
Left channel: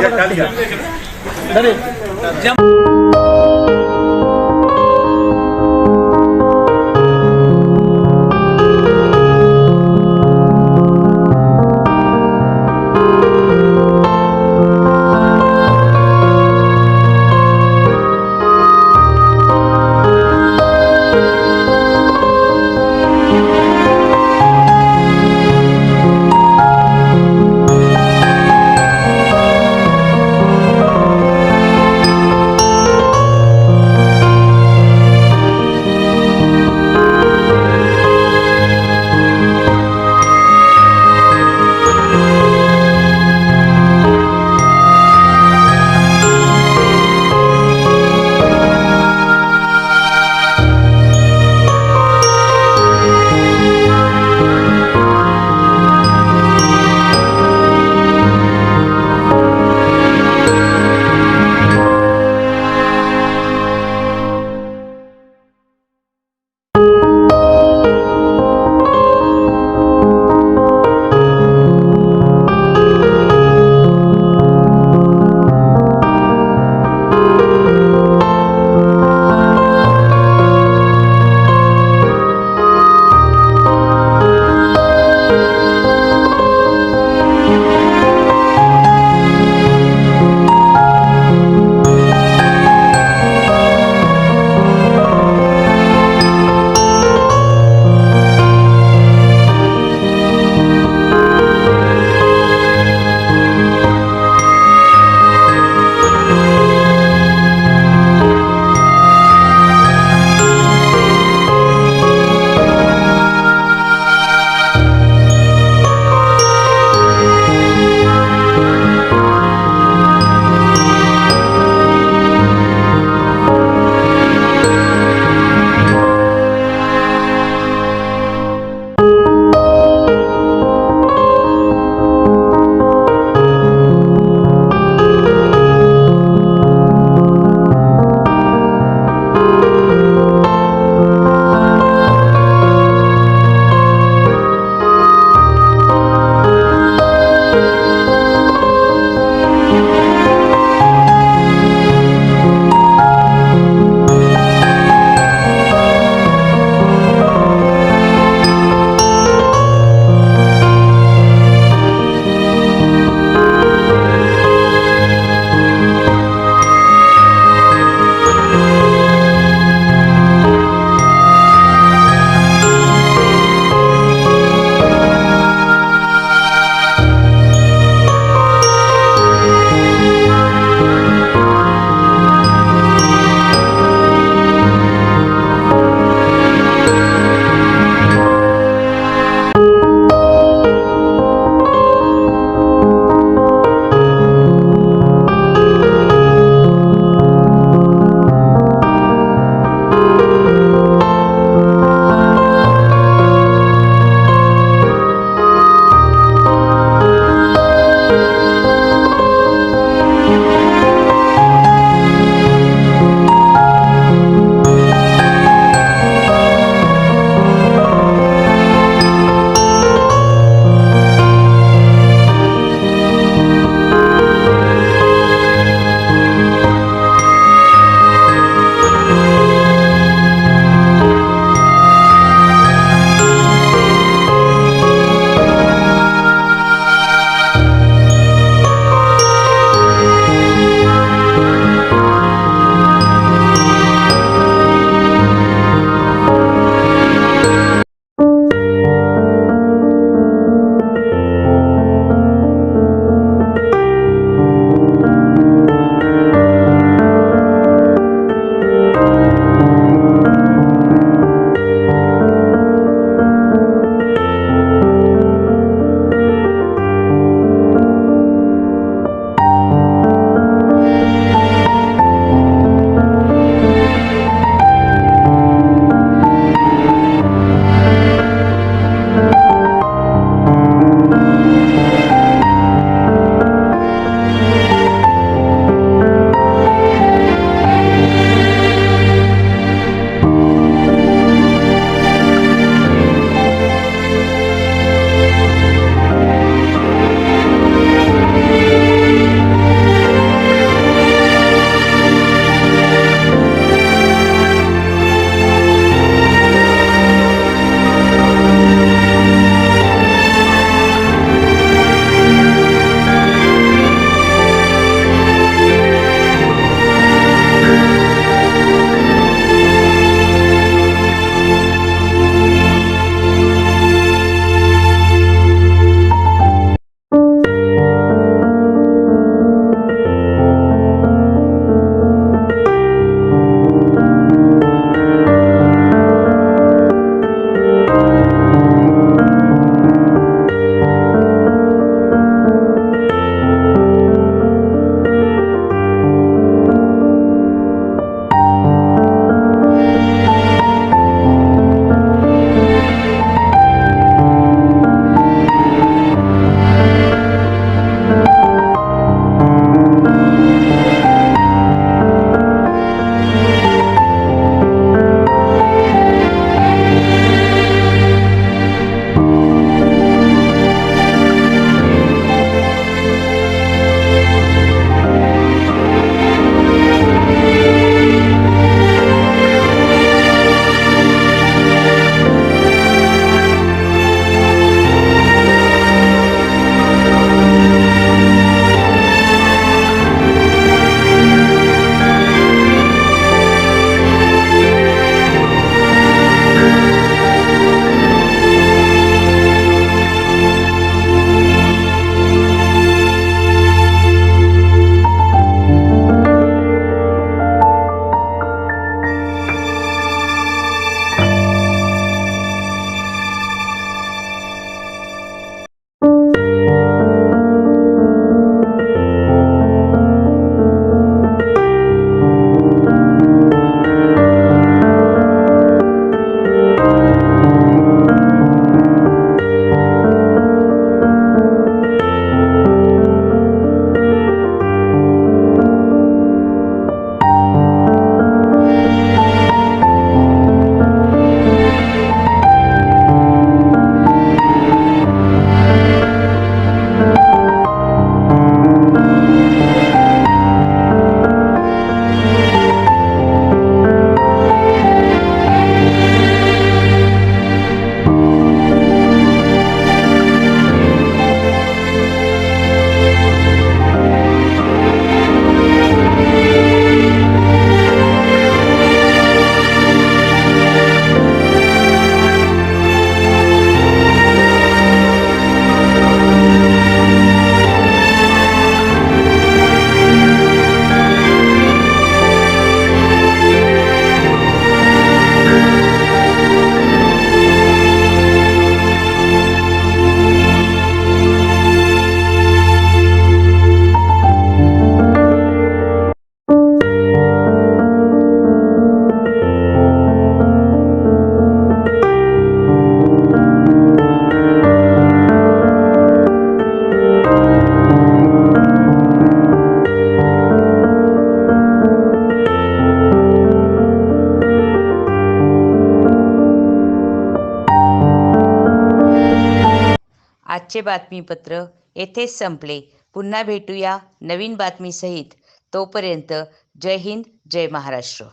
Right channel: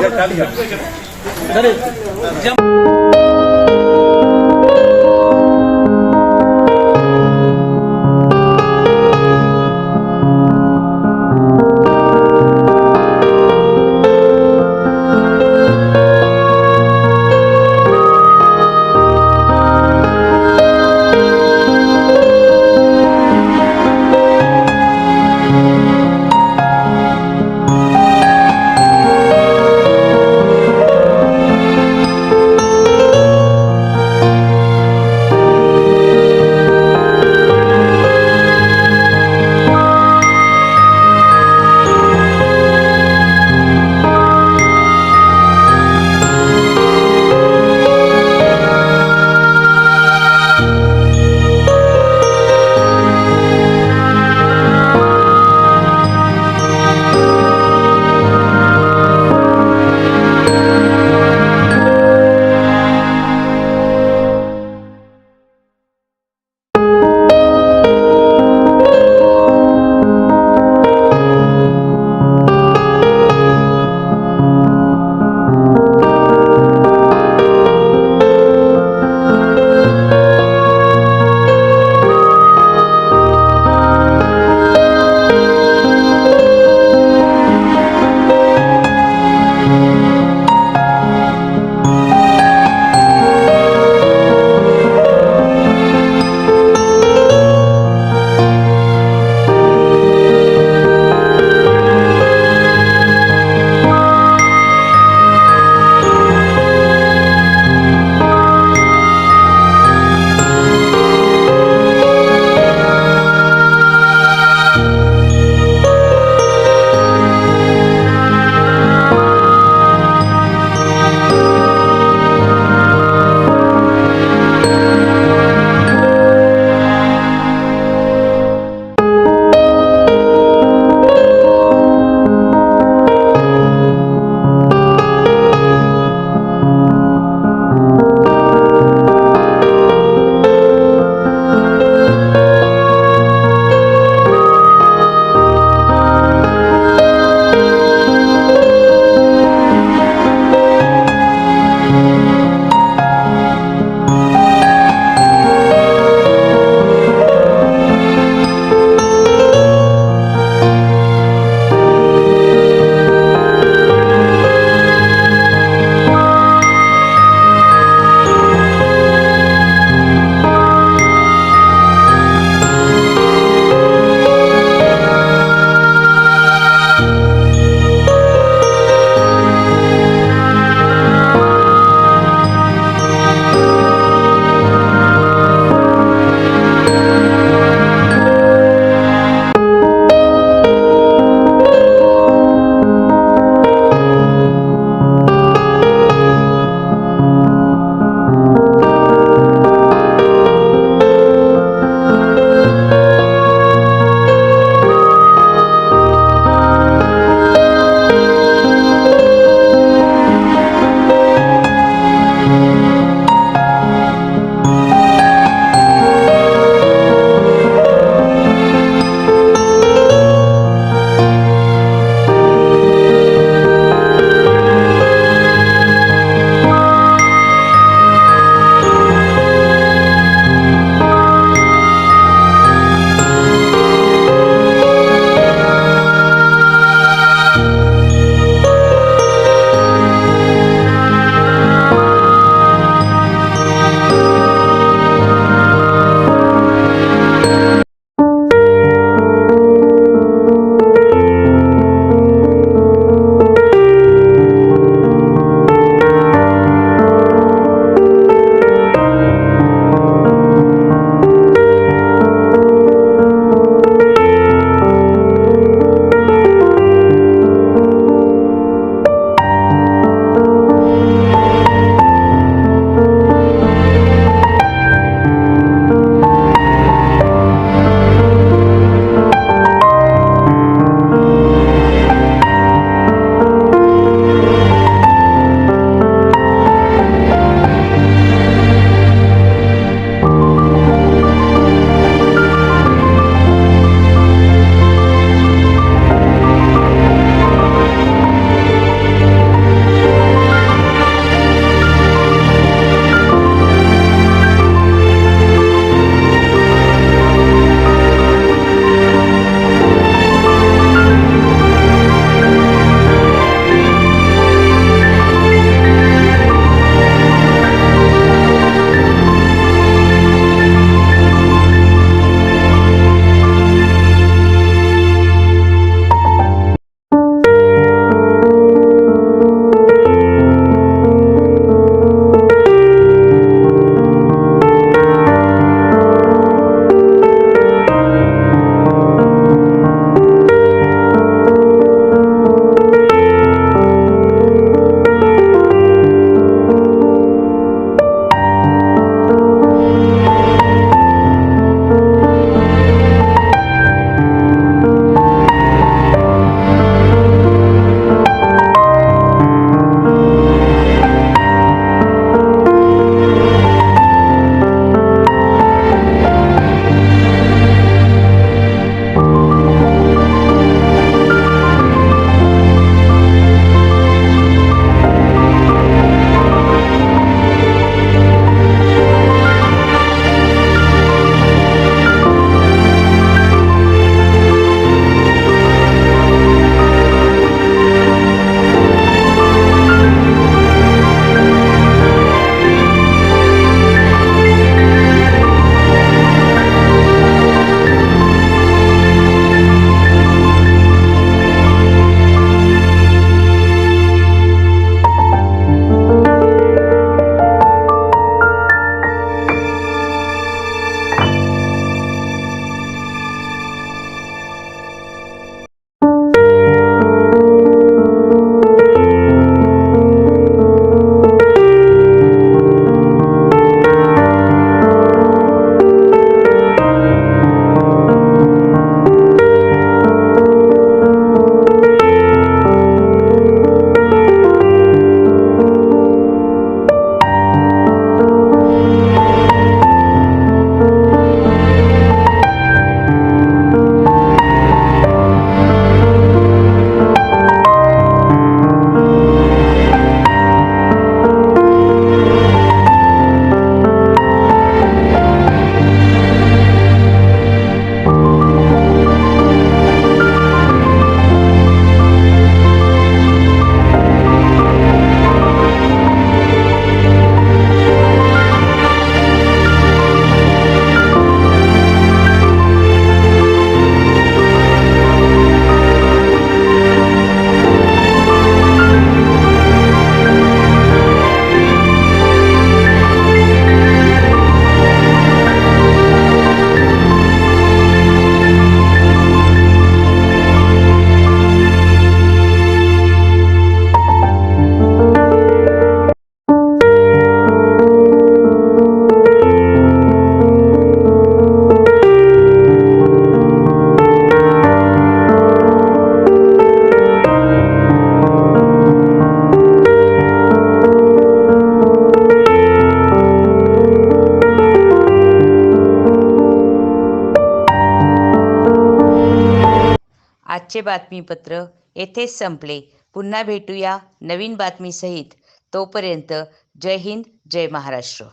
आजचे बातमीपत्र येथेच संपले. पुन्हा भेटूया नवीन बातमीसहित. तोपर्यंत जय हिंद, जय महाराष्ट्र.